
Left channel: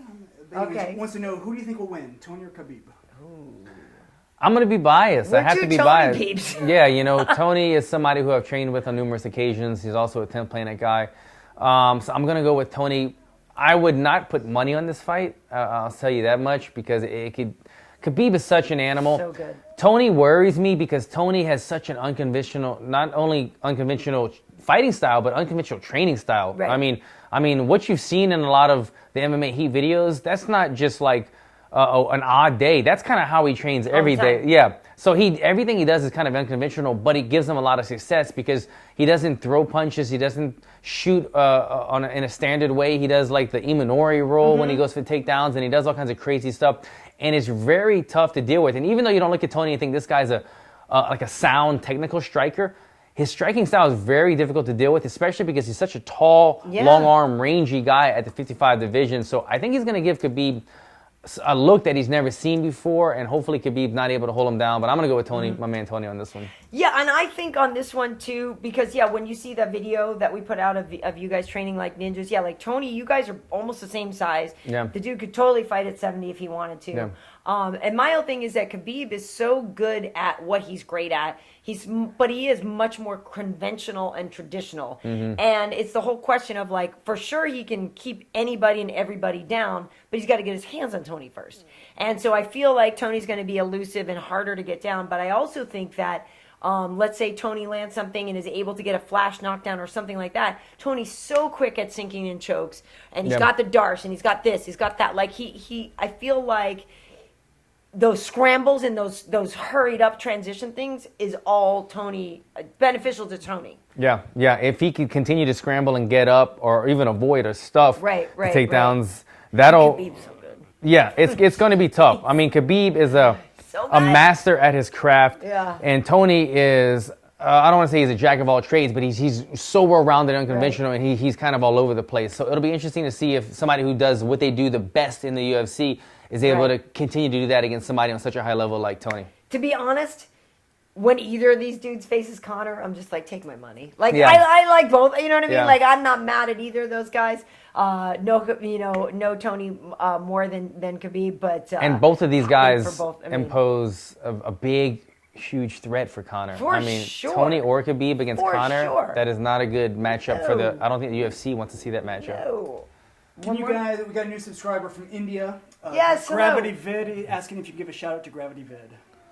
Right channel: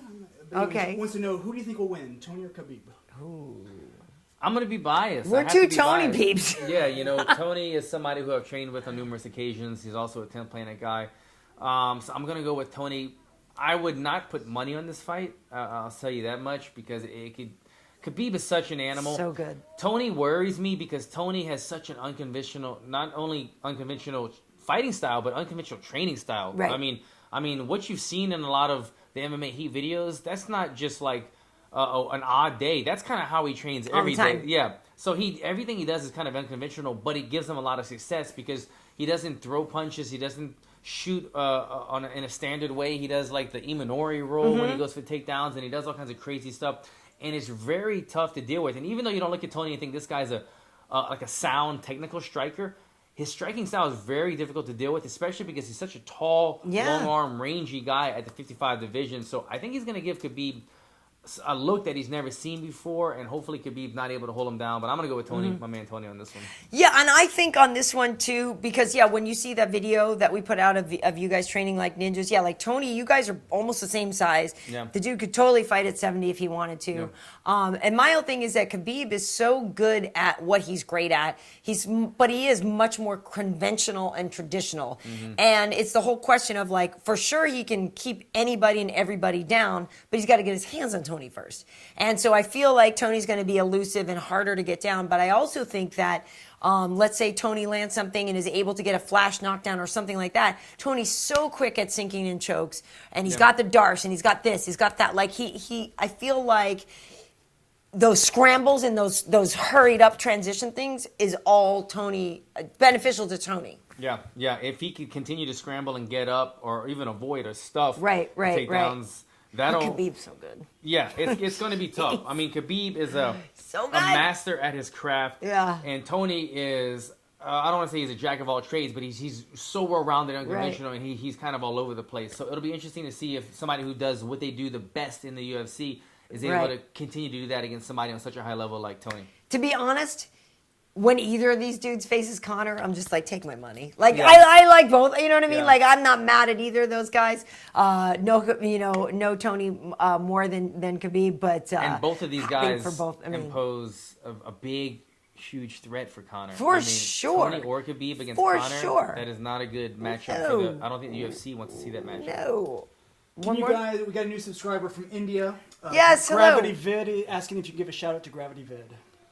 Okay. Wants to know, who do you think will win, Tony or Khabib? Ooh. I'm going to be biased. We're I have to be Tony biased. peeps. Yeah, you know, Tony is somebody who I've trained with on numerous occasions. He's also a 10th Planet guy. So I'm going to go with Tony. I would not put money on this fight. I'll tell you that much, because Khabib is such an animal. So good. Tony worries me because Tony has such an unconventional, not only unconventional fighting style, but unconventional training style. Right. I mean, what you've seen in a lot of the MMA Heat videos, that's not just like an odd day. That's kind of how he trains every day. Yeah. So everything he does is kind of unconventional, but it gives him a lot of success because he doesn't throw punches. He doesn't shoot in a standard way. He does like the Imanori roll when he goes for takedowns, and he does all kinds of crazy stuff. And it's very tough to deal with. And even though you don't look at Tony and think this guy's like a sound technical striker, his striking style is very difficult to deal with, especially because he's such a tall, long arm, rangy guy at the 55 division. So I think he's going to give Khabib a look that he's never seen before, and hopefully Khabib's not able to hold him down. But I'm going to go with Tony, my man Tony, on this one. Yeah, and I think on this one too, because when you see that video that we put out of you guys training like ninjas, like Tony, you guys are almost the same size. Yeah. The dude could totally fight at 70 if he wanted to. Yeah. And my whole thing is that Khabib is so good at what he's great at. But he is much more conventional and traditional. And it's the whole question of like, for sure he can keep anybody and everybody down, but he's got to get his hands on Tony first. And so I feel like Tony's going to be elusive and harder to get down. But I also think that let's say Tony lands something and is able to get a flash knockdown or something like that. Tony's so quick at sinking in chokes, and he's got the darce, and he's got this, he's got that. Like I feel like those scrambles and those hurried up transition things is all Tony beneficial to Tony. Yeah. If he can continue to scramble and get up, or even avoid or stuff takedowns, that'll. Khabib's so good. Yeah, it's going to be tough. I mean, Khabib is a master at his craft, and Tony is. I don't want to say he's a jack of all trades, but he's so well-rounded, unconventional, and he's kind of all over the place. So it'll be interesting to see if somebody who does what they do the best in the UFC is able to continue to do that against somebody on such a high level like Tony. To be honest, when either of these dudes faces Conor, I'm just like, take my money. Like I like both. You know what I mean? Yeah. Like I'm not mad at either of those guys. No Tony more than Khabib, but and both of these guys both, impose a big, huge threat for Conor. For sure. Tony or Khabib against Conor, sure. that is not a good matchup for the. I don't think the UFC wants to see that matchup. No. We got a new subscriber from India. Yes, hello. Gravity Vid, asking if you give a shout out to Gravity Vid.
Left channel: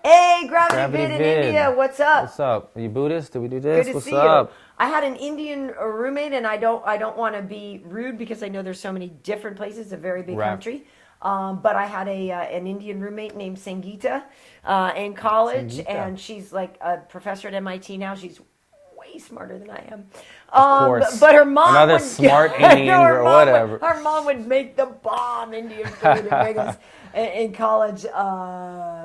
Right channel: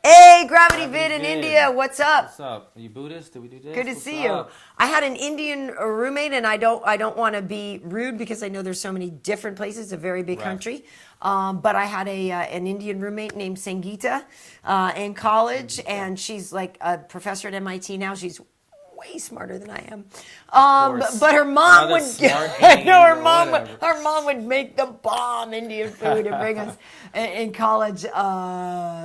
Hey, Gravity Vid in India, what's up? What's up? Are you Buddhist? Do we do this? Good to What's see up? you. I had an Indian roommate, and I don't want to be rude because I know there's so many different places. It's a very big country. But I had an Indian roommate named Sangeeta in college, and she's like a professor at MIT now. She's way smarter than I am. Of course. But her mom Another would smart or whatever. Her mom would make the bomb Indian food and make us in college.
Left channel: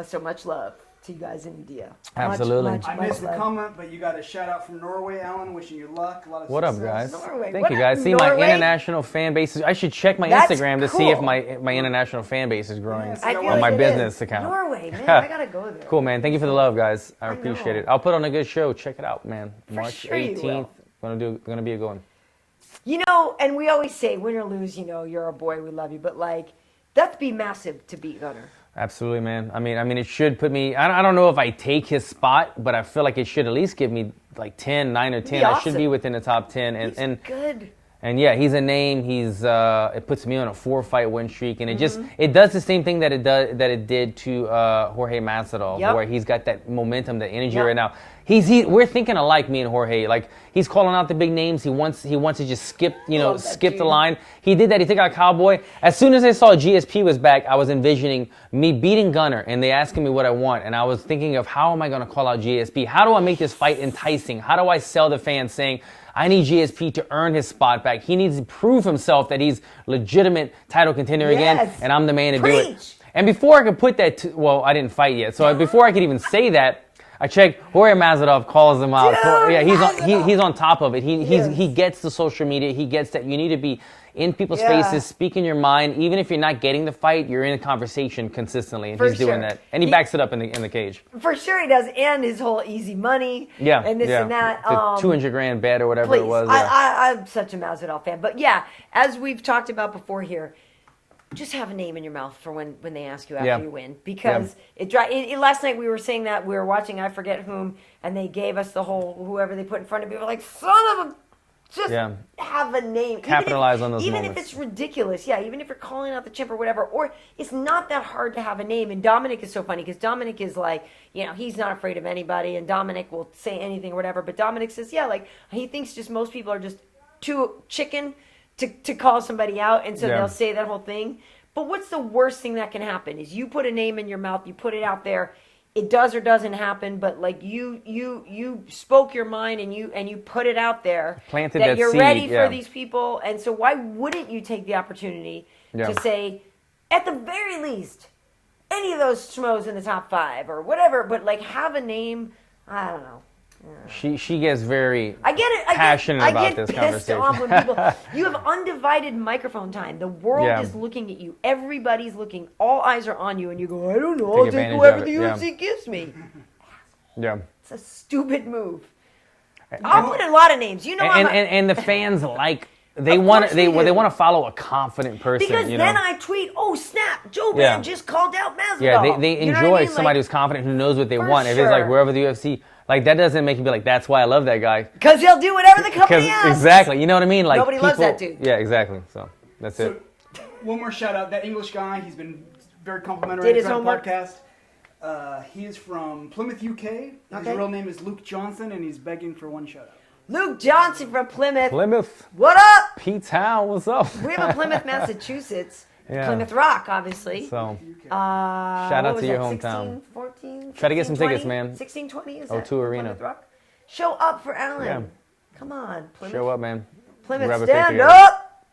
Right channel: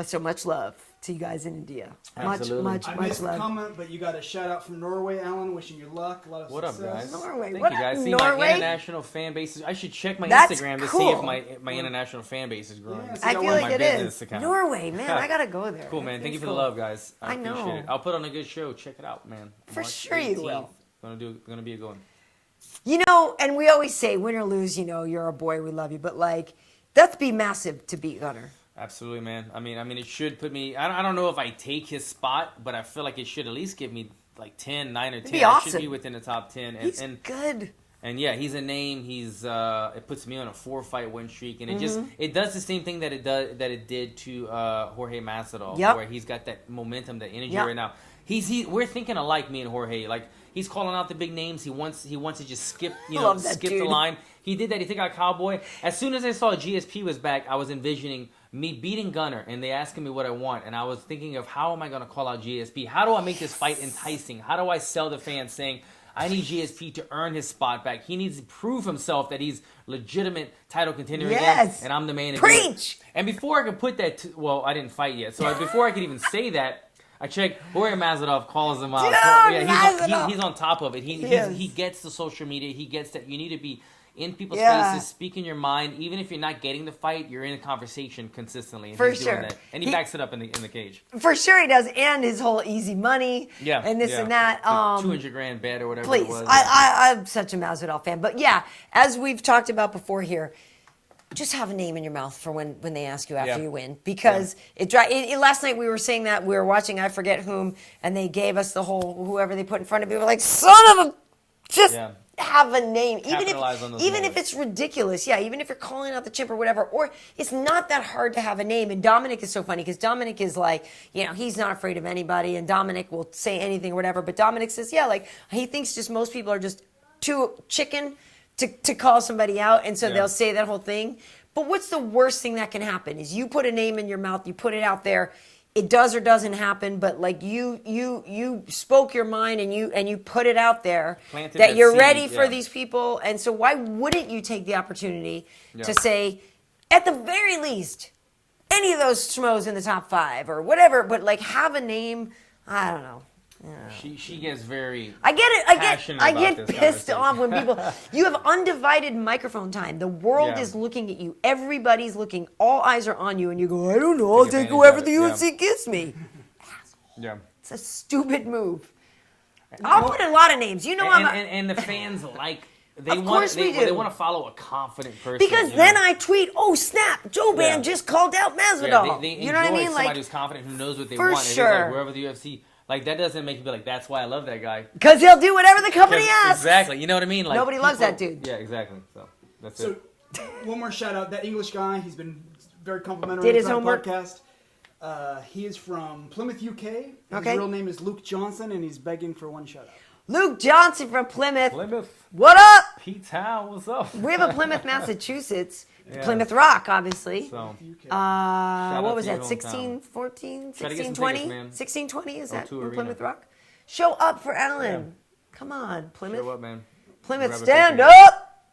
So much love to you guys in India. Absolutely. I missed the comment, but you got a shout out from Norway, Alan. Wishing you luck. A lot of What up, success. guys? Norway. Thank What you, guys. up, See, my Norway? international fan base. I should check my That's Instagram to see if cool. my international fan base is growing Yes, I feel on like my it business is. account. Norway, man, I gotta go there. Cool, man. Thank you for the love, guys. I I appreciate know. it. I'll put on a good show. Check it out, man. For March sure you 18th. will. Gonna be a good one. You know, and we always say, win or lose, you're a boy, we love you. But like, that'd be massive to beat Gunnar. Absolutely, man. I mean, it should put me. I don't know if I take his spot, but I feel like it should at least give me like 10, 9 or 10. Awesome. I should be within the top 10. He's good. And yeah, he's a name. It puts me on a 4-fight win streak, and it does the same thing that it did to Jorge Masvidal, where he's got that momentum, that energy right now. We're thinking alike, me and Jorge. Like, he's calling out the big names. He wants to just skip the line. He did that. He took out Cowboy. As soon as I saw GSP was back, I was envisioning me beating Gunnar, and they asking me what I want, and I was thinking of how am I going to call out GSP? How do I make this fight enticing? How do I sell the fans saying I need GSP to earn his spot back. He needs to prove himself that he's legitimate title contender again, and I'm the man to do it. And before I could put that, I didn't fight yet. So before I could even say that, I checked. Jorge Masvidal calls him out. So, yeah, he's on top of it. He gets the social media. He gets that you need to be in people's faces, speaking your mind. Even if you're not getting the fight, you're in a conversation consistently, and he's doing that. And he backs it up in the cage. For sure he does, and his whole easy money, and this and that. The $200,000 bet or whatever it was. I'm such a Masvidal fan, but as we've talked about before here, just have a name in your mouth for when they ask you after you win, because last night we were saying that we were watching I forget whom, and they gave us the whole whoever they put in front of you. We're like, son of a. Just have a name. Capitalize on those even moments. if it's ridiculous. Even if you're calling out the chimp or whatever. Or it's not that hard to have a name. And Dominic is so funny because Dominic is like, he's not afraid of anybody. And Dominic will say anything or whatever. But Dominic says, he thinks just most people are just too chicken to call somebody out. And so they'll say that whole thing. But what's the worst thing that can happen is you put a name in your mouth, you put it out there. It does or doesn't happen, but like you spoke your mind and you put it out there that you're ready for these people, and so why wouldn't you take the opportunity to say, at the very least, any of those schmoes in the top 5 or whatever, but like have a name. I don't know. She gets very passionate about this conversation. I get pissed off when people. You have undivided microphone time. The world is looking at you. Everybody's looking. All eyes are on you, and you go, I don't know. I'll take whoever the UFC gives me. Yeah, it's a stupid move. I'll put a lot of names. And the fans like. They want to follow a confident person. Because then I tweet, oh snap, Jouban just called out Masvidal. Yeah, they enjoy somebody who's confident, who knows what they want. If it's like wherever the UFC, like that doesn't make you be like, that's why I love that guy. Because he'll do whatever the company asks. Exactly, you know what I mean? Like nobody loves that dude. Yeah, exactly. So that's it. One more shout out, that English guy. He's been very complimentary to the podcast. He is from Plymouth, UK. His real name is Luke Johnson, and he's begging for one shout out. Luke Johnson from Plymouth. What up? P-Town, what's up? We have a Plymouth, Massachusetts. Plymouth Rock, obviously. So, shout out to your hometown. 16, 14, 16, try to get some 20? tickets, man. 1620 is that? O2 Arena. Plymouth Rock? Show up for Alan. Come on, Plymouth. Show up, man. Plymouth, stand up.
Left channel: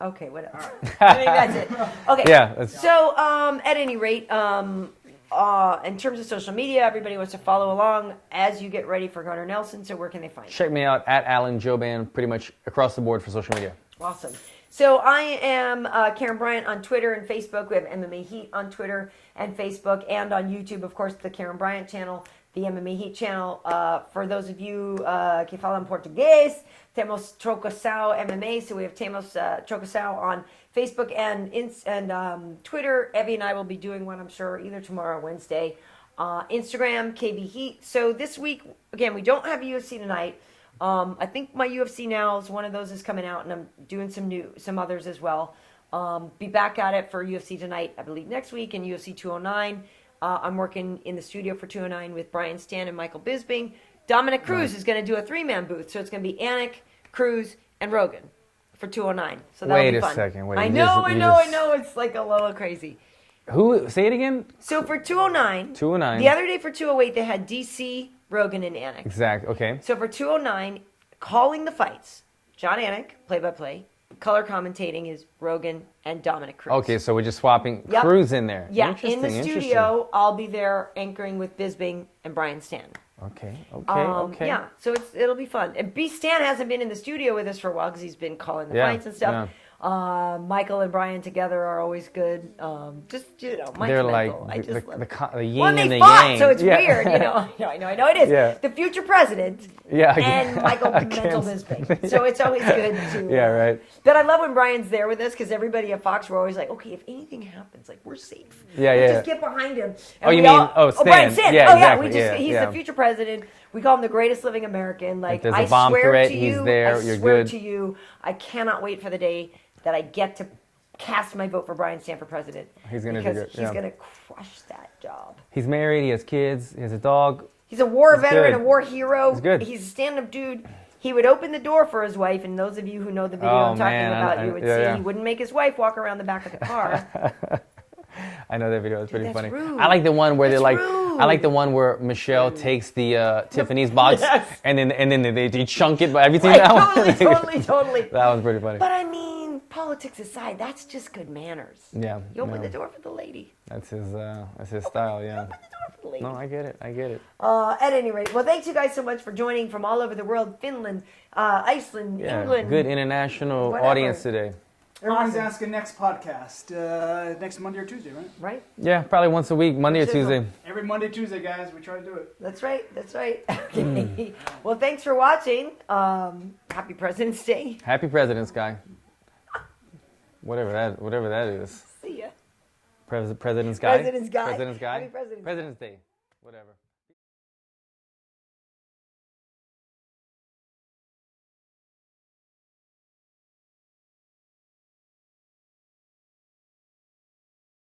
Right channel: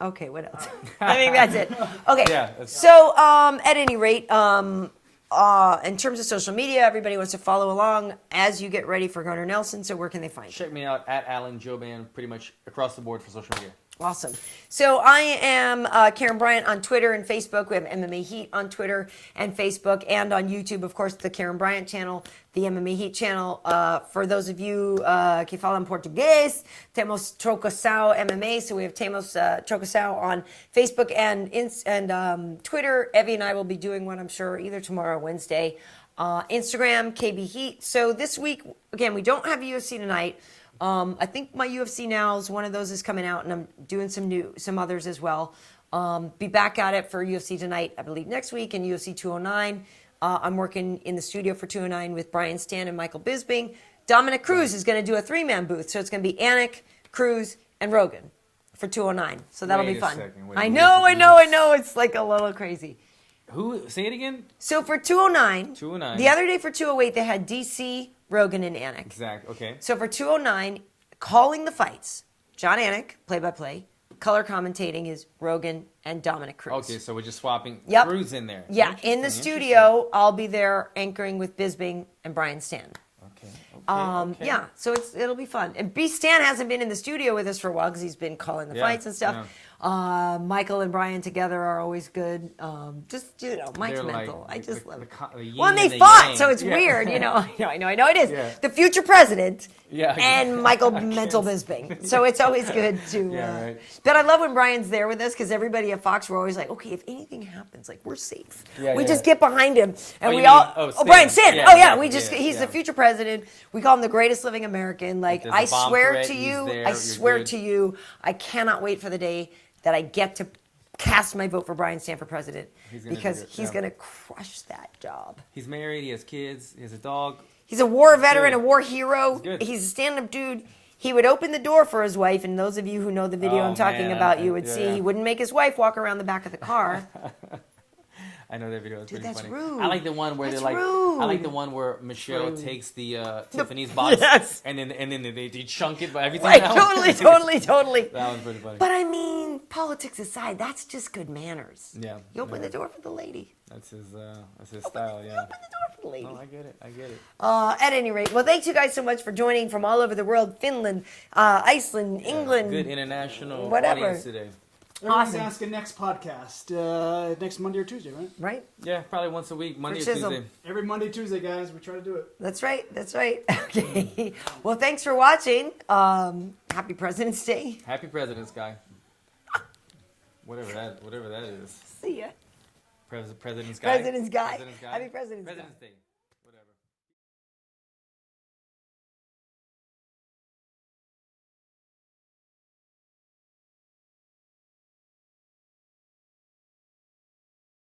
Okay, what else? I think that's it. Okay. Yeah. So, at any rate, in terms of social media, everybody wants to follow along as you get ready for Gunnar Nelson. So where can they find you? Check me out at Alan Jouban, pretty much across the board for social media. Awesome. So I am Karyn Bryant on Twitter and Facebook. We have MMA Heat on Twitter and Facebook, and on YouTube, of course, the Karyn Bryant channel, the MMA Heat channel. For those of you que falam Português, temos Trocasao MMA. So we have Temos Trocasao on Facebook and Twitter. Evie and I will be doing one, I'm sure, either tomorrow or Wednesday. Instagram, KB Heat. So this week, again, we don't have UFC tonight. I think my UFC Now, one of those is coming out, and I'm doing some others as well. Be back at it for UFC tonight, I believe next week, and UFC 209. I'm working in the studio for 209 with Brian Stan and Michael Bisping. Dominic Cruz is going to do a 3-man booth, so it's going to be Anik, Cruz, and Rogan for 209. So that'll be fun. Wait a second. I know. It's like a little crazy. Who? Say it again. So for 209. The other day for 208, they had DC, Rogan, and Anik. Exactly. Okay. So for 209, calling the fights, John Anik, play-by-play. Color commentating is Rogan and Dominic Cruz. Okay, so we're just swapping Cruz in there. Yeah, in the studio, I'll be there anchoring with Bisping and Brian Stan. Okay. Yeah, so it'll be fun. And B. Stan hasn't been in the studio with us for a while because he's been calling the fights and stuff. Yeah. Michael and Brian together are always good. Mike's they're mental. like I just love it. The yin and they and fought, yang. so it's weird. I know it is. Yeah. The future president and Michael Mental Bisping. So it's always good to. Yeah, right. But I love when Brian's there with us because everybody at Fox, we're always like, okay, if anything happens, like we're safe. We just get behind him. And Stan? Brian Stan. Yeah, exactly. He's the future president. We call him the greatest living American. Like I swear to you, I cannot wait for the day that I get to cast my vote for Brian Stan for president. He's going to crush that job. He's married. He has kids. He has a dog. He's a war veteran, good. A war hero. He's good. He's a stand-up dude. He would open the door for his wife, and those of you who know the video I'm talking about, you would see he wouldn't make his wife walk around the back of the car. I know that video. It's pretty funny. Rude. I like the one where That's they're like. rude. I like the one where Michelle takes the Tiffany's box and then they chunk it by everything out. Totally. That was pretty funny. But I mean, politics aside, that's just good manners. Yeah. You open the door for the lady. That's his style. Yeah. Open the door for the lady. No, I get it. At any rate, well, thanks you guys so much for joining from all over the world: Finland, Iceland, England. Good international audience today. Everyone's asking next podcast, next Monday or Tuesday, right? Right? Yeah, probably once a week, Monday or Tuesday. Every Monday, Tuesday, guys. We try to do it. That's right. Okay. Well, thanks for watching. Happy President's Day. Happy President's Guy. Whatever that is. See ya. President's Guy. President's Guy. President's Guy. Happy President's Day. President's Day. Whatever.